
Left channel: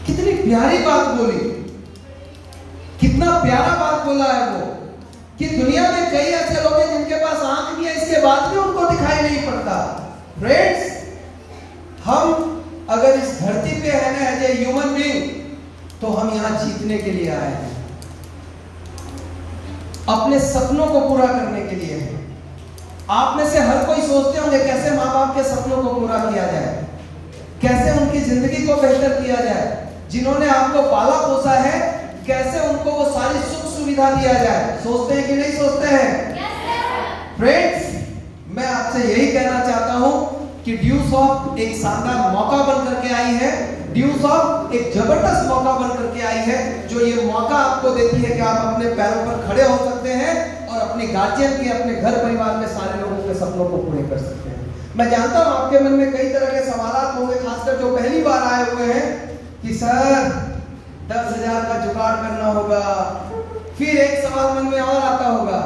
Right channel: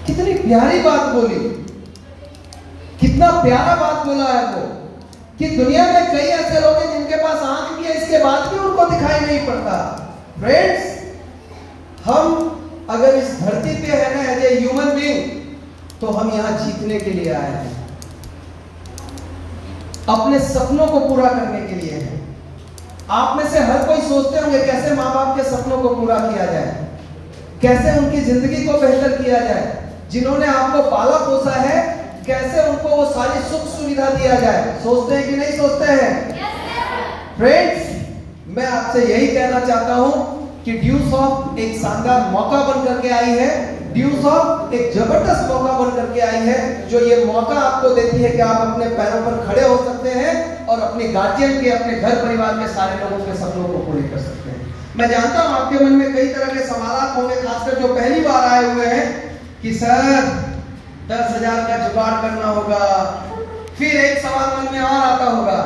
कितनी प्यारी बात बोली, कितना प्यारा बात बोला है वो, कि दुनिया में कई ऐसे लोग हैं जिनके पास आंख भी है, इसके बाद भी उनको दिखाई नहीं पड़ता। फ्रेंड्स, हम अगर इस धरती पे है ना एज ए ह्यूमन बीइंग, तो हम यहां जीतने के लिए आए हैं, अपने सपनों को पूरा करने के लिए है। आप में से हर कोई सोचते होंगे कैसे माँ बाप के सपनों को पूरा किया जाए, कैसे उनकी जिंदगी को बेहतर किया जाए। जिन्होंने आपको पाला पोसा है, कैसे उनको वो सारी सुख सुविधा दिया जाए। सोचते हैं कि नहीं सोचते हैं? फ्रेंड्स, मैं आपसे यही कहना चाहता हूं कि ड्यूस ऑफ एक शानदार मौका बन करके आई है, ड्यूस ऑफ एक जबरदस्त मौका बन करके आई है, जो ये मौका आपको देती है कि आप अपने पैरों पर खड़े हो सकते हैं और अपने गार्जियन के, अपने घर परिवार के सारे लोगों के सपनों को पूरे कर सकते हैं। मैं जानता हूं आपके मन में कई तरह के सवाल होंगे, खासकर जो पहली बार आए हुए हैं कि सर 10,000 का जुगाड़ करना होगा। फिर एक सवाल मन में और आता होगा,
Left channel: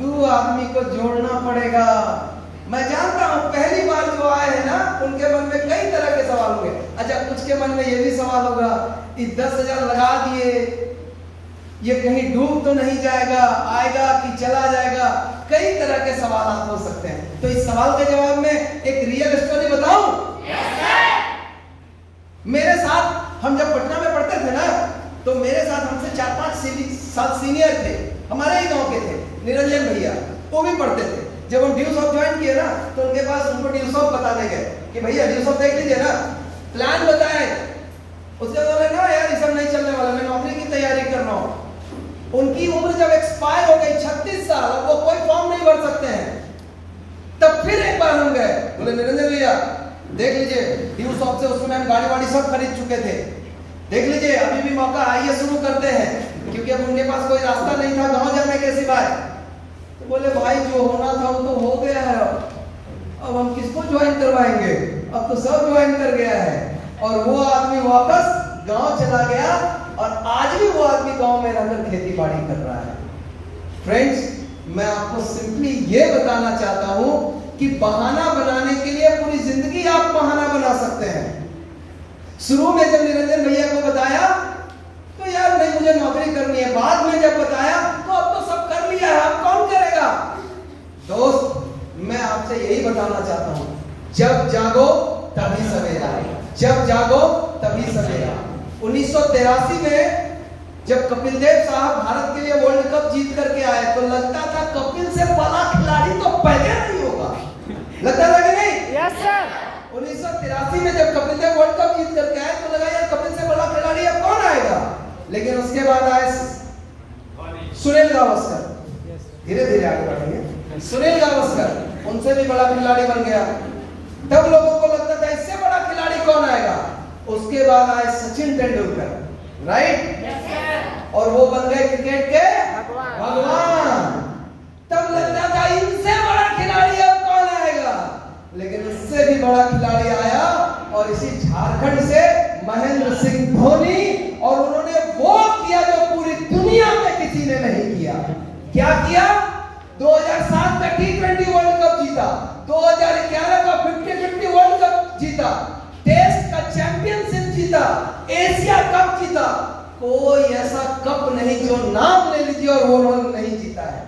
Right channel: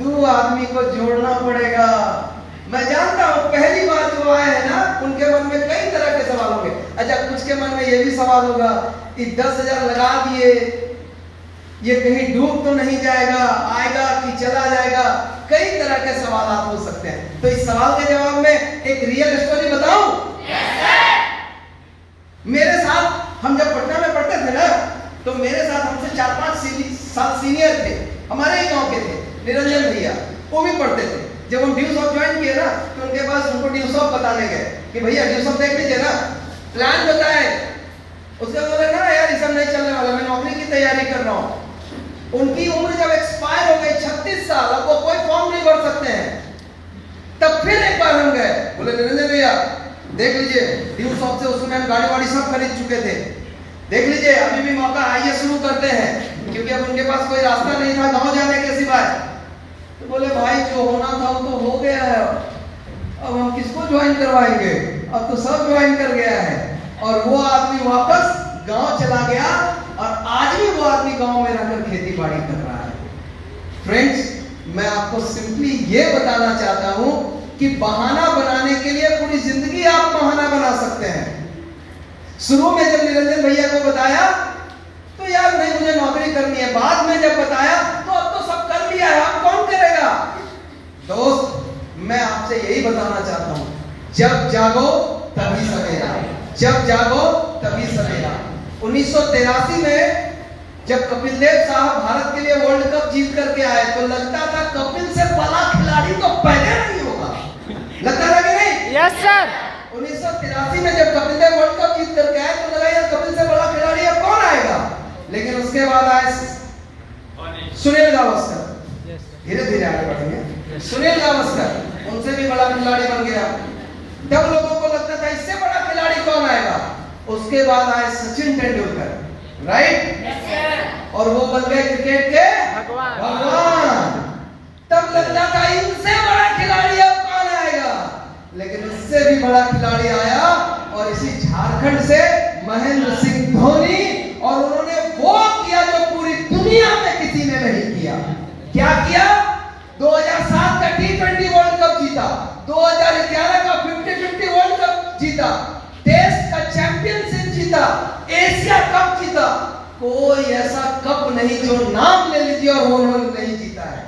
2 आदमी को जोड़ना पड़ेगा। मैं जानता हूं पहली बार जो आए हैं ना, उनके मन में कई तरह के सवाल होंगे। अच्छा, कुछ के मन में ये भी सवाल होगा कि 10,000 लगा दिए, ये कहीं डूब तो नहीं जाएगा, आएगा कि चला जाएगा। कई तरह के सवाल हो सकते हैं। तो इस सवाल के जवाब में एक रियल स्टोरी बताऊं? मेरे साथ हम जब पटना में पढ़ते थे ना, तो मेरे साथ हमसे 4-5 साल सीनियर थे, हमारे ही गांव के थे, निरंजन भैया, वो भी पढ़ते थे। जब हम ड्यूस ऑफ ज्वाइन किए ना, तो उनके पास उनको ड्यूस ऑफ बताने गए कि भैया ड्यूस ऑफ देख लीजिए ना, प्लान बताएं। उसके बोले ना यार ये सब नहीं चलने वाला, मैं नौकरी की तैयारी कर रहा हूं। उनकी उम्र जब एक्सपायर हो गई 36 साल, अब वो कोई फॉर्म नहीं भर सकते हैं। तब फिर एक बार हम गए, बोले निरंजन भैया देख लीजिए ड्यूस ऑफ से, उस समय हम गाड़ी वाड़ी सब खरीद चुके थे, देख लीजिए अभी भी मौका, आइए शुरू करते हैं। क्योंकि अब उनके पास कोई रास्ता नहीं था गांव जाने के सिवाय। तो बोले भाई जो होना था वो तो हो गया है, अब हम किसको ज्वाइन करवाएंगे, अब तो सब ज्वाइन कर गया है। और वो आदमी वापस गांव चला गया और आज भी वो आदमी गांव में रहकर खेती बाड़ी कर रहा है। फ्रेंड्स, मैं आपको सिंपली ये बताना चाहता हूं कि बहाना बनाने के लिए पूरी जिंदगी आप बहाना बना सकते हैं। शुरू में जब निरंजन भैया को बताया तो यार नहीं मुझे नौकरी करनी है, बाद में जब बताया तो अब तो सब कर लिया है, अब कौन करेगा। दोस्त, मैं आपसे यही बताना चाहता हूं, जब जागो तभी सवेरा, जब जागो तभी सवेरा। 1983 में जब कपिल देव साहब भारत के लिए वर्ल्ड कप जीत करके आए तो लगता था कपिल से बड़ा खिलाड़ी तो पहले नहीं होगा, लगता था कि नहीं? Yes sir. 1983 में जब कपिल देव वर्ल्ड कप जीत करके आए तो लगा यार कपिल से बड़ा खिलाड़ी अब कौन आएगा। लेकिन उसके बाद आए सुनील गावस्कर, धीरे धीरे आगे बढ़ेंगे। सुनील गावस्कर उनसे भी बड़ा खिलाड़ी बन गया। तब लोगों को लगता था इससे बड़ा खिलाड़ी कौन आएगा। उसके बाद आए सचिन तेंदुलकर, राइट, और वो बन गए क्रिकेट के भगवान। तब लगता था इनसे बड़ा खिलाड़ी अब कौन आएगा, लेकिन उससे भी बड़ा खिलाड़ी आया और इसी झारखंड से महेंद्र सिंह धोनी, और उन्होंने वो किया जो पूरी दुनिया में किसी ने नहीं किया। क्या किया? 2007 का T20 वर्ल्ड कप जीता, 2011 का 50-50 वर्ल्ड कप जीता, टेस्ट का चैंपियनशिप जीता, एशिया कप जीता। कोई ऐसा कप नहीं जो नाम ले लीजिए और वो उन्होंने नहीं जीता है।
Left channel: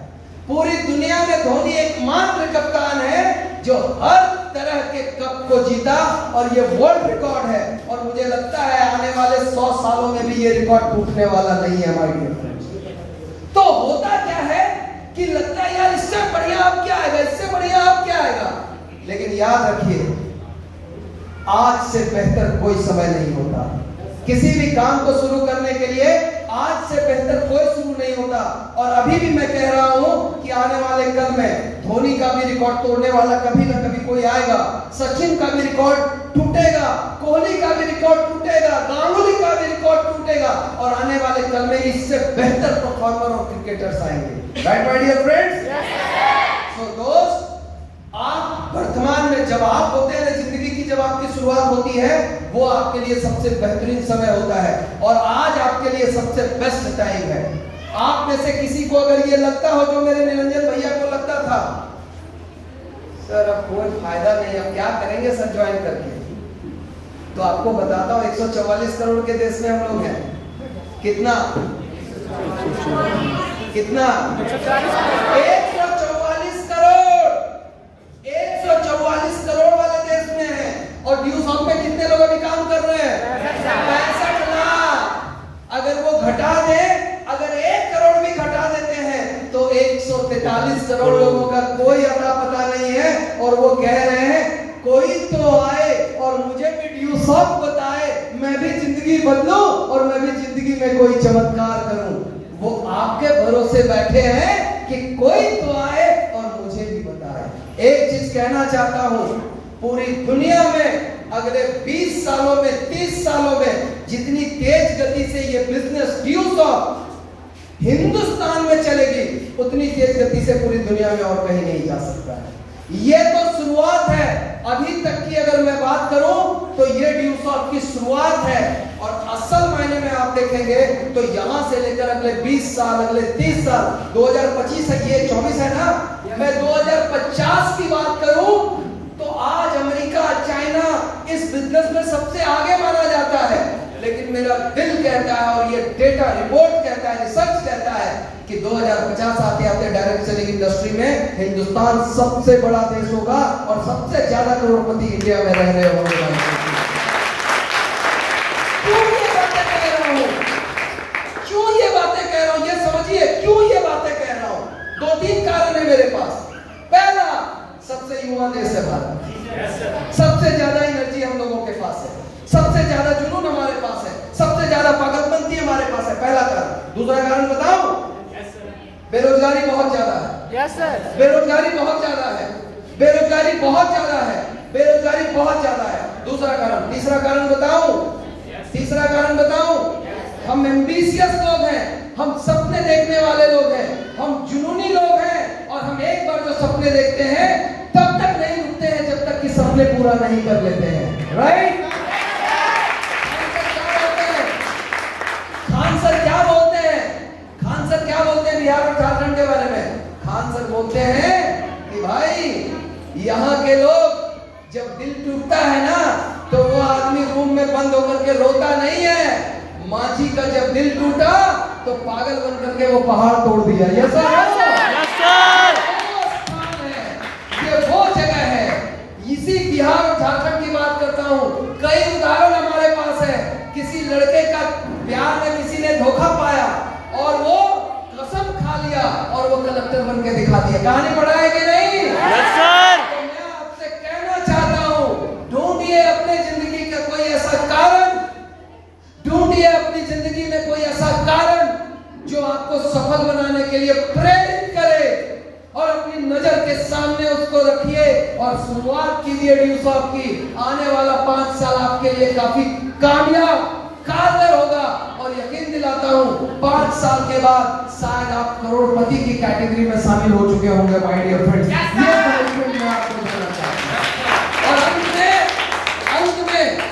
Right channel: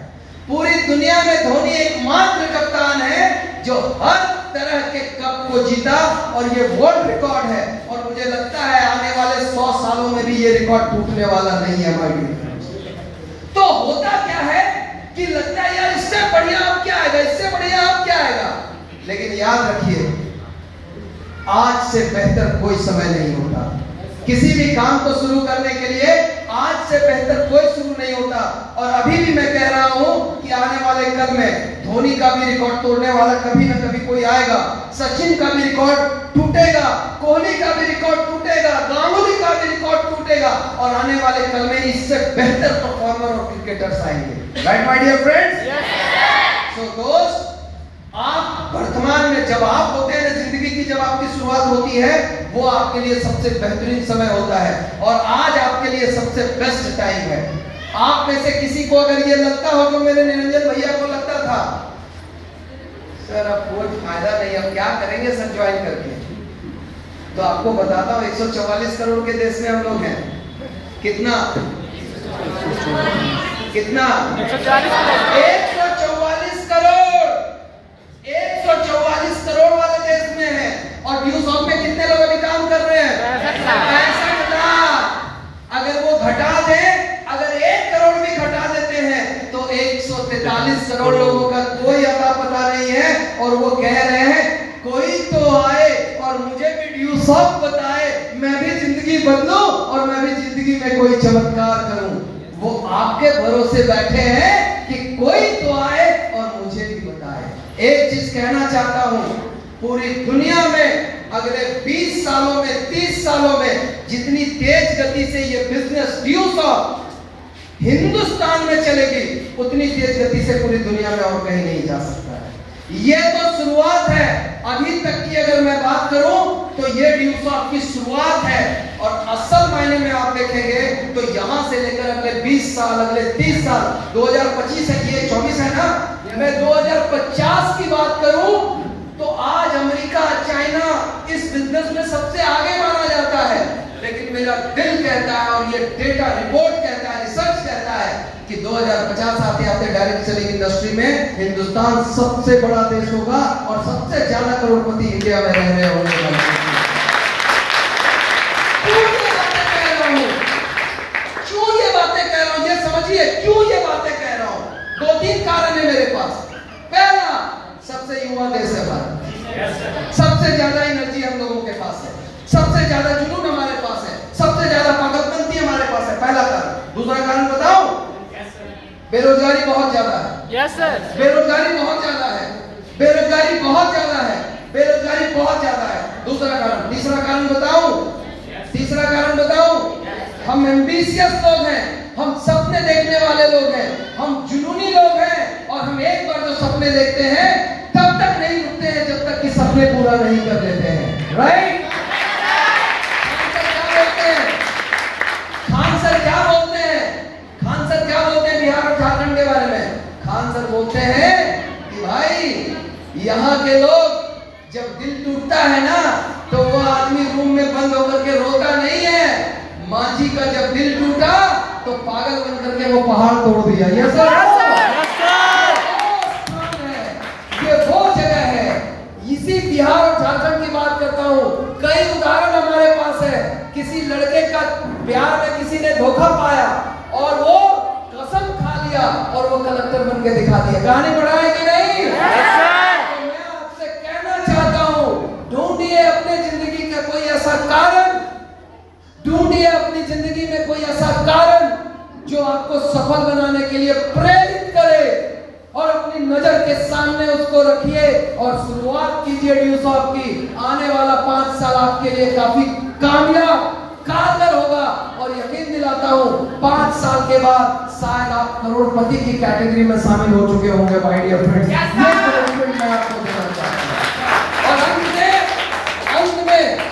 पूरी दुनिया में धोनी एकमात्र कप्तान है जो हर तरह के कप को जीता और ये वर्ल्ड रिकॉर्ड है। और मुझे लगता है आने वाले 100 सालों में भी ये रिकॉर्ड टूटने वाला नहीं है माय डियर फ्रेंड्स। तो होता क्या है कि लगता है यार इससे बढ़िया अब क्या आएगा, इससे बढ़िया अब क्या आएगा। लेकिन याद रखिए, आज से बेहतर कोई समय नहीं होता। किसी भी काम को शुरू करने के लिए आज से बेहतर कोई शुरू नहीं होता। और अभी भी मैं कह रहा हूं कि आने वाले कल में धोनी का भी रिकॉर्ड तोड़ने वाला कभी ना कभी कोई आएगा, सचिन का भी रिकॉर्ड टूटेगा, कोहली का भी रिकॉर्ड टूटेगा, गांगुली का भी रिकॉर्ड टूटेगा और आने वाले कल में इससे बेहतर परफॉर्मर और क्रिकेटर्स आएंगे। Right my dear friends. So दोस्त, आप वर्तमान में जब आप होते हैं, जिंदगी की जब आपकी शुरुआत होती है, वो आपके लिए सबसे बेहतरीन समय होता है और आज आपके लिए सबसे बेस्ट टाइम है। आप में से किसी को अगर ये लगता हो जो मेरे निरंजन भैया को लगता था, सर अब कोई फायदा नहीं, अब क्या करेंगे सर ज्वाइन करके, तो आपको बताता हूँ 144 करोड़ के देश में हम लोग हैं। कितना कितना 144 करोड़ वाले देश में है। और ड्यूस ऑफ में कितने लोग अभी काम कर रहे हैं? 65 लाख। अगर वो घटा दे, अगर 1 करोड़ भी घटा देते हैं तो 143 करोड़ लोगों का कोई अता पता नहीं है। और वो कह रहे हैं कोई तो आए और मुझे भी ड्यूस ऑफ बताए, मैं भी जिंदगी बदलूं और मैं भी जिंदगी में कोई चमत्कार करूं। वो आपके भरोसे बैठे हैं कि कोई तो आए और मुझे भी बताए। एक चीज कहना चाहता हूं, पूरी दुनिया में अगले 20 सालों में 30 सालों में जितनी तेज गति से ये बिजनेस ड्यूसॉफ्ट हिंदुस्तान में चलेगी, उतनी तेज गति से पूरी दुनिया में और कहीं नहीं जा सकता है। ये तो शुरुआत है। अभी तक की अगर मैं बात करूं तो ये ड्यूसॉफ्ट की शुरुआत है, और असल मायने में आप देखेंगे तो यहां से लेकर अगले 20 साल, अगले 30 साल, 2025 है, ये 24 है ना, मैं 2050 की बात करूं तो आज अमेरिका, चाइना इस बिजनेस में सबसे आगे माना जाता है। लेकिन मेरा दिल कहता है और ये डेटा रिपोर्ट कहता है, रिसर्च कहता है कि 2050 आते आते डायरेक्ट सेलिंग इंडस्ट्री में हिंदुस्तान सबसे बड़ा देश होगा और सबसे ज्यादा करोड़पति इंडिया में रह रहे होंगे। क्यों ये बातें कह रहा हूं, ये समझिए क्यों ये बातें कह रहा हूं। 2-3 कारण है मेरे पास। पहला, सबसे युवा देश है भारत, सबसे ज्यादा एनर्जी हम लोगों के पास है, सबसे ज्यादा जुनून हमारे पास है, सबसे ज्यादा ताकतमंदी हमारे पास है, पहला कारण। दूसरा कारण बताओ, बेरोजगारी बहुत ज्यादा है। यस सर, बेरोजगारी बहुत ज्यादा है, बेरोजगारी बहुत ज्यादा है, बेरोजगारी बहुत ज्यादा है। दूसरा कारण। तीसरा कारण बताओ, तीसरा कारण बताओ, हम एम्बिशियस लोग हैं, हम सपने देखने वाले लोग हैं, हम जुनूनी लोग हैं, और हम एक बार जो सपने देखते हैं तब तक नहीं रुकते हैं जब तक कि सपने पूरा नहीं कर लेते हैं। राइट? खान सर क्या बोलते हैं? खान सर क्या बोलते हैं बिहार और झारखंड के बारे में? खान सर बोलते हैं कि भाई यहाँ के लोग जब दिल टूटता है ना तो वो आदमी रूम में बंद होकर के रोता नहीं है, मांझी का जब दिल टूटा तो पागल बन करके वो पहाड़ तोड़ दिया। ये वो जगह है। इसी बिहार और झारखंड की बात करता हूँ। कई उदाहरण हमारे पास है। किसी लड़के का प्यार में किसी ने धोखा पाया और वो कसम खा लिया और वो कलेक्टर बन के दिखा दिया। कहानी बढ़ाए कि नहीं? तो मैं आपसे कहना चाहता हूँ, ढूंढिए अपने जिंदगी का कोई ऐसा कारण, ढूंढिए अपनी जिंदगी में कोई ऐसा कारण जो आपको सफल बनाने के लिए प्रेरित करे, और अपनी नजर के सामने उसको रखिए और शुरुआत कीजिए ड्यूसॉफ्ट की। आने वाला 5 साल आपके लिए काफी कामयाब, कारगर होगा, और यकीन दिलाता हूं 5 साल के बाद शायद आप करोड़पति की कैटेगरी में शामिल हो चुके होंगे। माय डियर फ्रेंड्स, ये कमिटमेंट मैं आपको देना चाहता हूं। और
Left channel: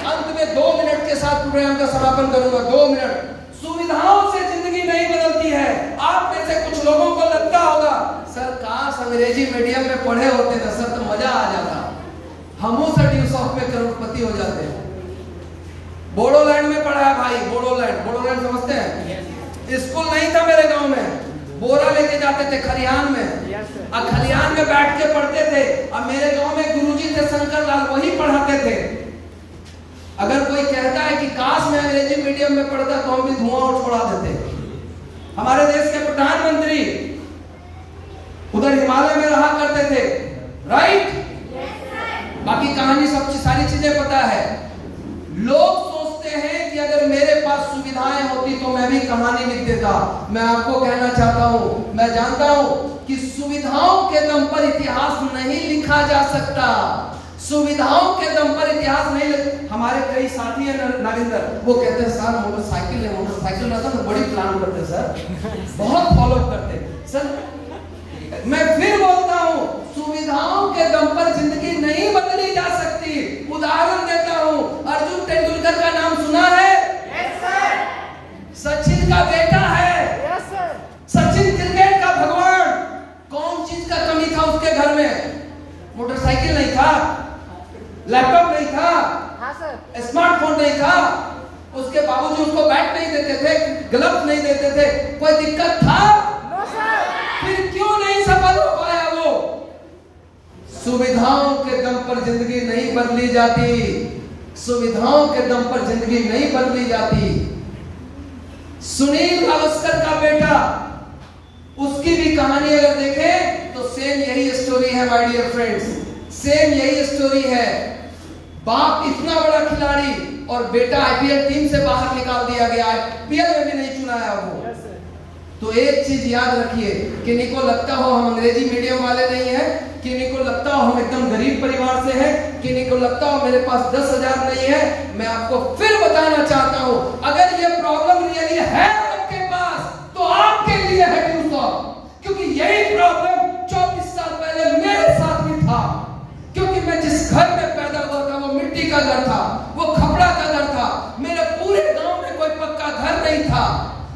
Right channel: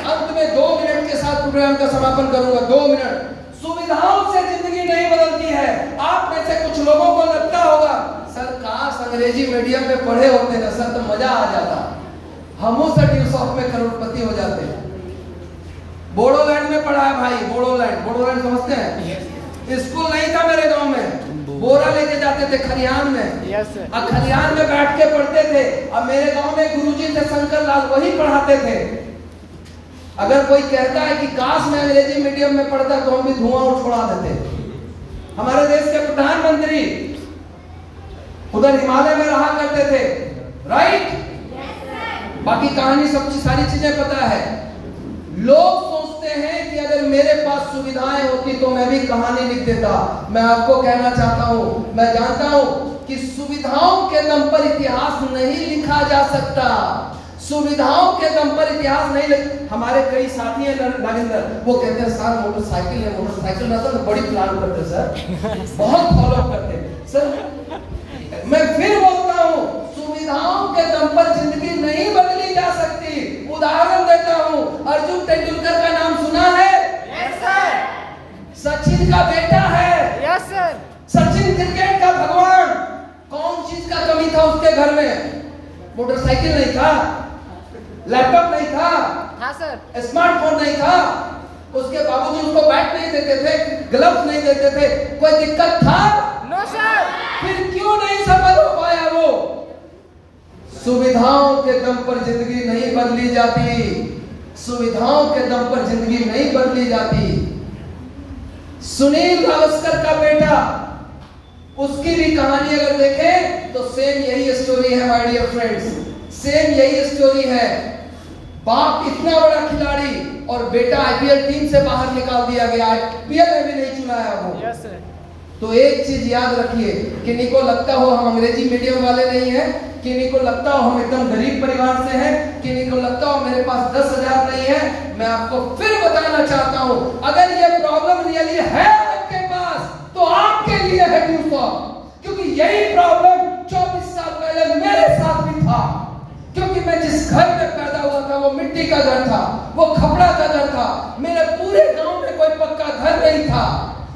अंत में 2 मिनट के साथ प्रोग्राम का समापन करूंगा। 2 मिनट। सुविधाओं से जिंदगी नहीं बदलती है। आप में से कुछ लोगों को लगता होगा, सर काश अंग्रेजी मीडियम में पढ़े होते ना सर तो मजा आ जाता, हम उस ड्यूसॉफ्ट में करोड़पति हो जाते। बोडोलैंड में पढ़ा है भाई, बोडोलैंड समझते हैं? स्कूल नहीं था मेरे गांव में, बोरा लेके जाते थे खलिहान में, अब खलिहान में बैठ के पढ़ते थे। अब मेरे गांव में गुरुजी थे शंकर लाल, वही पढ़ाते थे। अगर कोई कहता है कि काश मैं अंग्रेजी मीडियम में पढ़ता तो हम भी धुआं उड़ा देते। हमारे देश के प्रधानमंत्री उधर हिमालय में रहा करते थे। राइट? बाकी कहानी सब सारी चीजें पता है। लोग सोचते हैं कि अगर मेरे पास सुविधाएं होती तो मैं भी कहानी लिख देता। मैं आपको कहना चाहता हूं, मैं जानता हूं कि सुविधाओं के दम पर इतिहास नहीं लिखा जा सकता। सुविधाओं के दम पर इतिहास नहीं। हमारे कई साथी हैं नागेंद्र, वो कहते हैं सर मोटरसाइकिल में तो बड़ी प्लान करते सर, बहुत फॉलो करते सर। मैं फिर बोलता हूँ, सुविधाओं के दम पर जिंदगी नहीं बदली जा सकती। उदाहरण देता हूँ, अर्जुन तेंदुलकर का नाम सुना है? Yes sir. सचिन का बेटा है? Yes sir. सचिन क्रिकेट का भगवान। कौन चीज का कमी था उसके घर में? मोटरसाइकिल नहीं था, लैपटॉप नहीं था, हाँ सर, स्मार्टफोन नहीं था, उसके बाबूजी उसको बैट नहीं देते थे, ग्लव्स नहीं देते थे। कोई दिक्कत था? No sir. फिर क्यों नहीं सफल हो पाया वो? सुविधाओं के दम पर जिंदगी नहीं बदली जाती। सुविधाओं के दम पर जिंदगी नहीं बदली जाती। सुनील गावस्कर का बेटा, उसकी भी कहानी अगर देखें तो सेम यही स्टोरी है माय डियर फ्रेंड्स, सेम यही स्टोरी है। बाप इतना बड़ा खिलाड़ी और बेटा आईपीएल टीम से बाहर निकाल दिया गया, आईपीएल में भी नहीं चुनाया वो। तो एक चीज याद रखिए, किन्हीं को लगता हो हम अंग्रेजी मीडियम वाले नहीं हैं, किन्हीं को लगता हो हम एकदम गरीब परिवार से हैं, किन्हीं को लगता हो मेरे पास 10,000 नहीं है। मैं आपको फिर बताना चाहता हूं, अगर ये प्रॉब्लम रियली है आपके पास तो आपके लिए है ड्यूसॉफ्ट, क्योंकि यही प्रॉब्लम 24 साल पहले मेरे साथ भी था। क्योंकि मैं जिस घर में पैदा हुआ था वो मिट्टी का घर था, वो खपड़ा का घर था। मेरे पूरे गांव में कोई पक्का घर नहीं था,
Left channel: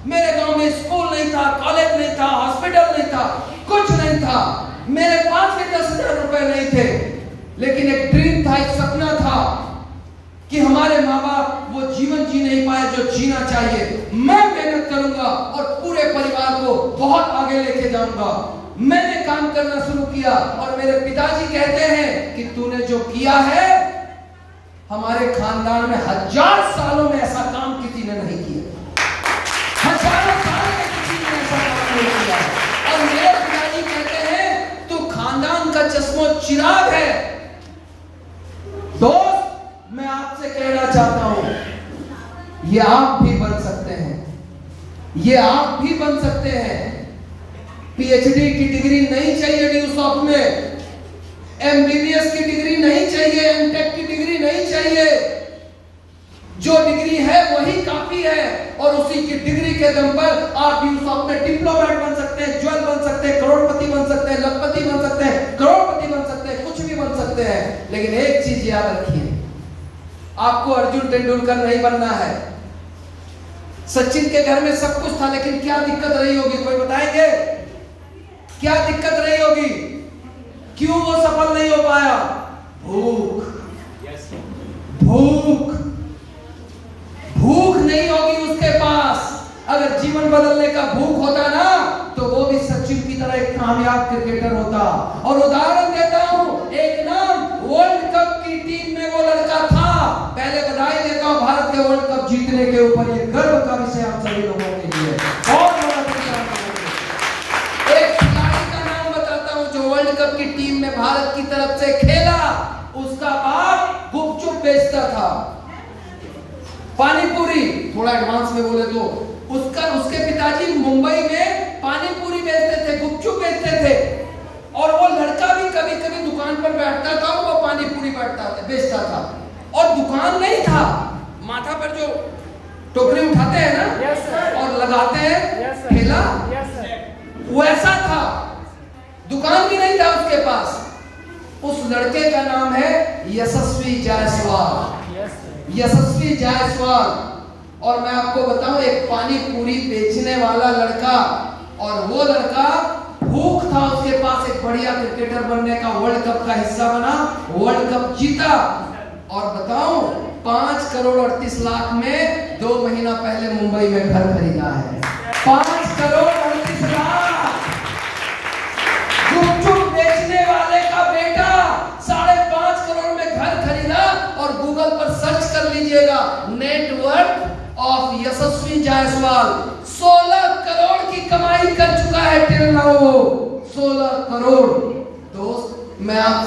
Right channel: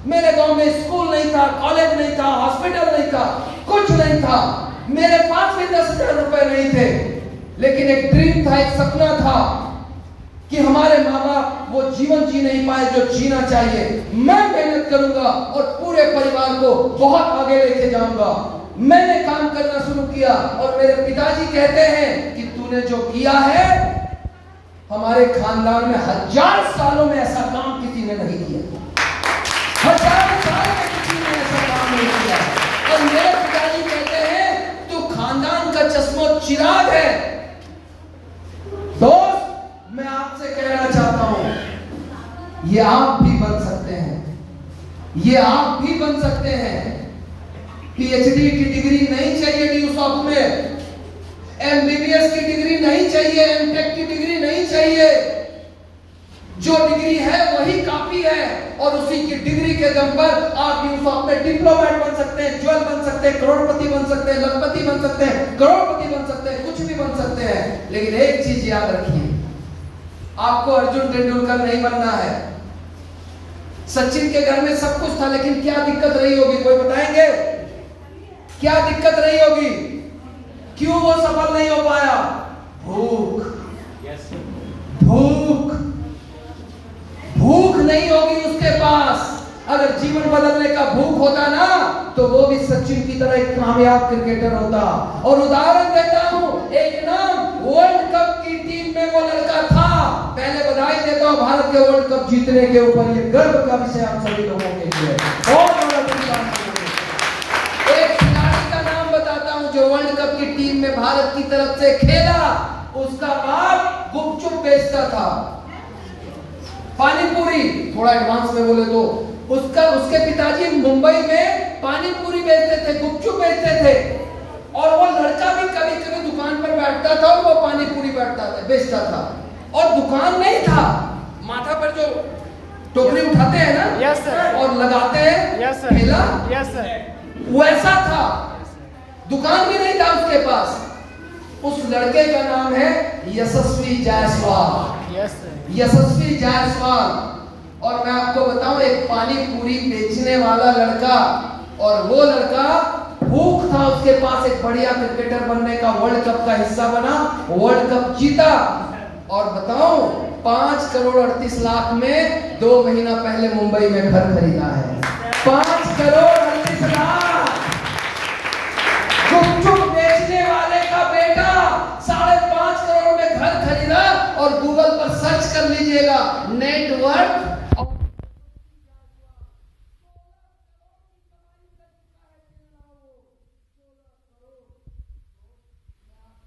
मेरे गांव में स्कूल नहीं था, कॉलेज नहीं था, हॉस्पिटल नहीं था, कुछ नहीं था। मेरे पास भी 10,000 रुपए नहीं थे, लेकिन एक ड्रीम था, एक सपना था कि हमारे माँ बाप वो जीवन जी नहीं पाए जो जीना चाहिए। मैं मेहनत करूंगा और पूरे परिवार को बहुत आगे लेके जाऊंगा। मैंने काम करना शुरू किया और मेरे पिताजी कहते हैं कि तूने जो किया है, हमारे खानदान में 1000 सालों में ऐसा काम किसी ने नहीं किया, 1000 सालों में किसी ने ऐसा काम नहीं किया। और मेरे पिताजी कहते हैं तू खानदान का चश्मो चिराग है। दोस्त, मैं आपसे कहना चाहता हूं, ये आप भी बन सकते हैं, ये आप भी बन सकते हैं। पीएचडी की डिग्री नहीं चाहिए ड्यूसॉफ्ट में, एमबीबीएस की डिग्री नहीं चाहिए, एमटेक की डिग्री नहीं चाहिए। जो डिग्री है वही काफी है, और उसी की डिग्री के दम पर आप ड्यूसॉफ्ट में डिप्लोमेट बन सकते हैं, ज्वेल बन सकते हैं, करोड़पति बन सकते हैं, लखपति बन सकते हैं, करोड़पति बन सकते हैं, कुछ भी बन सकते हैं। लेकिन एक चीज याद रखिए, आपको अर्जुन तेंदुलकर नहीं बनना है। सचिन के घर में सब कुछ था, लेकिन क्या दिक्कत रही होगी, कोई बताएंगे? क्या दिक्कत रही होगी? क्यों वो सफल नहीं हो पाया? भूख। भूख भूख नहीं होगी उसके पास। अगर जीवन बदलने का भूख होता ना, तो वो भी सचिन की तरह एक कामयाब क्रिकेटर होता। और उदाहरण देता हूं, एक नाम, वर्ल्ड कप की टीम में वो लड़का था। पहले बधाई देता हूं भारत के वर्ल्ड कप जीतने के ऊपर, ये गर्व का विषय आप सभी लोगों के लिए। और एक खिलाड़ी का नाम बताता हूं जो वर्ल्ड कप की टीम में भारत की तरफ से खेला। उसका बाप गुपचुप बेचता था, पानी पूरी, थोड़ा एडवांस में बोले तो उसके पिताजी मुंबई में पानी पूरी बेचते थे, गुपचुप बेचते थे। और वो लड़का भी कभी कभी दुकान पर बैठता था और वो पानी पूरी बेचता था। और दुकान नहीं था, माथा पर जो टोकरी उठाते हैं ना, yes, और लगाते हैं, yes, ठेला, yes, वैसा था। दुकान भी नहीं था उसके पास। उस लड़के का नाम है यशस्वी जायसवाल। yes, यशस्वी जायसवाल। और मैं आपको बताऊं, एक पानी पूरी बेचने वाला लड़का, और वो लड़का भूख था उसके पास एक बढ़िया क्रिकेटर बनने का, वर्ल्ड कप का हिस्सा बना, वर्ल्ड कप जीता। और बताऊं, 5 करोड़ 38 लाख में 2 महीना पहले मुंबई में घर खरीदा है। 5 करोड़ 38 लाख। गुपचुप बेचने वाले का बेटा 5.5 करोड़ में घर खरीदा। और गूगल पर सर्च कर लीजिएगा, नेटवर्क ऑफ यशस्वी जायसवाल 16 करोड़ की कमाई कर चुका है टिल नाउ। 16 करोड़। दोस्त, मैं आप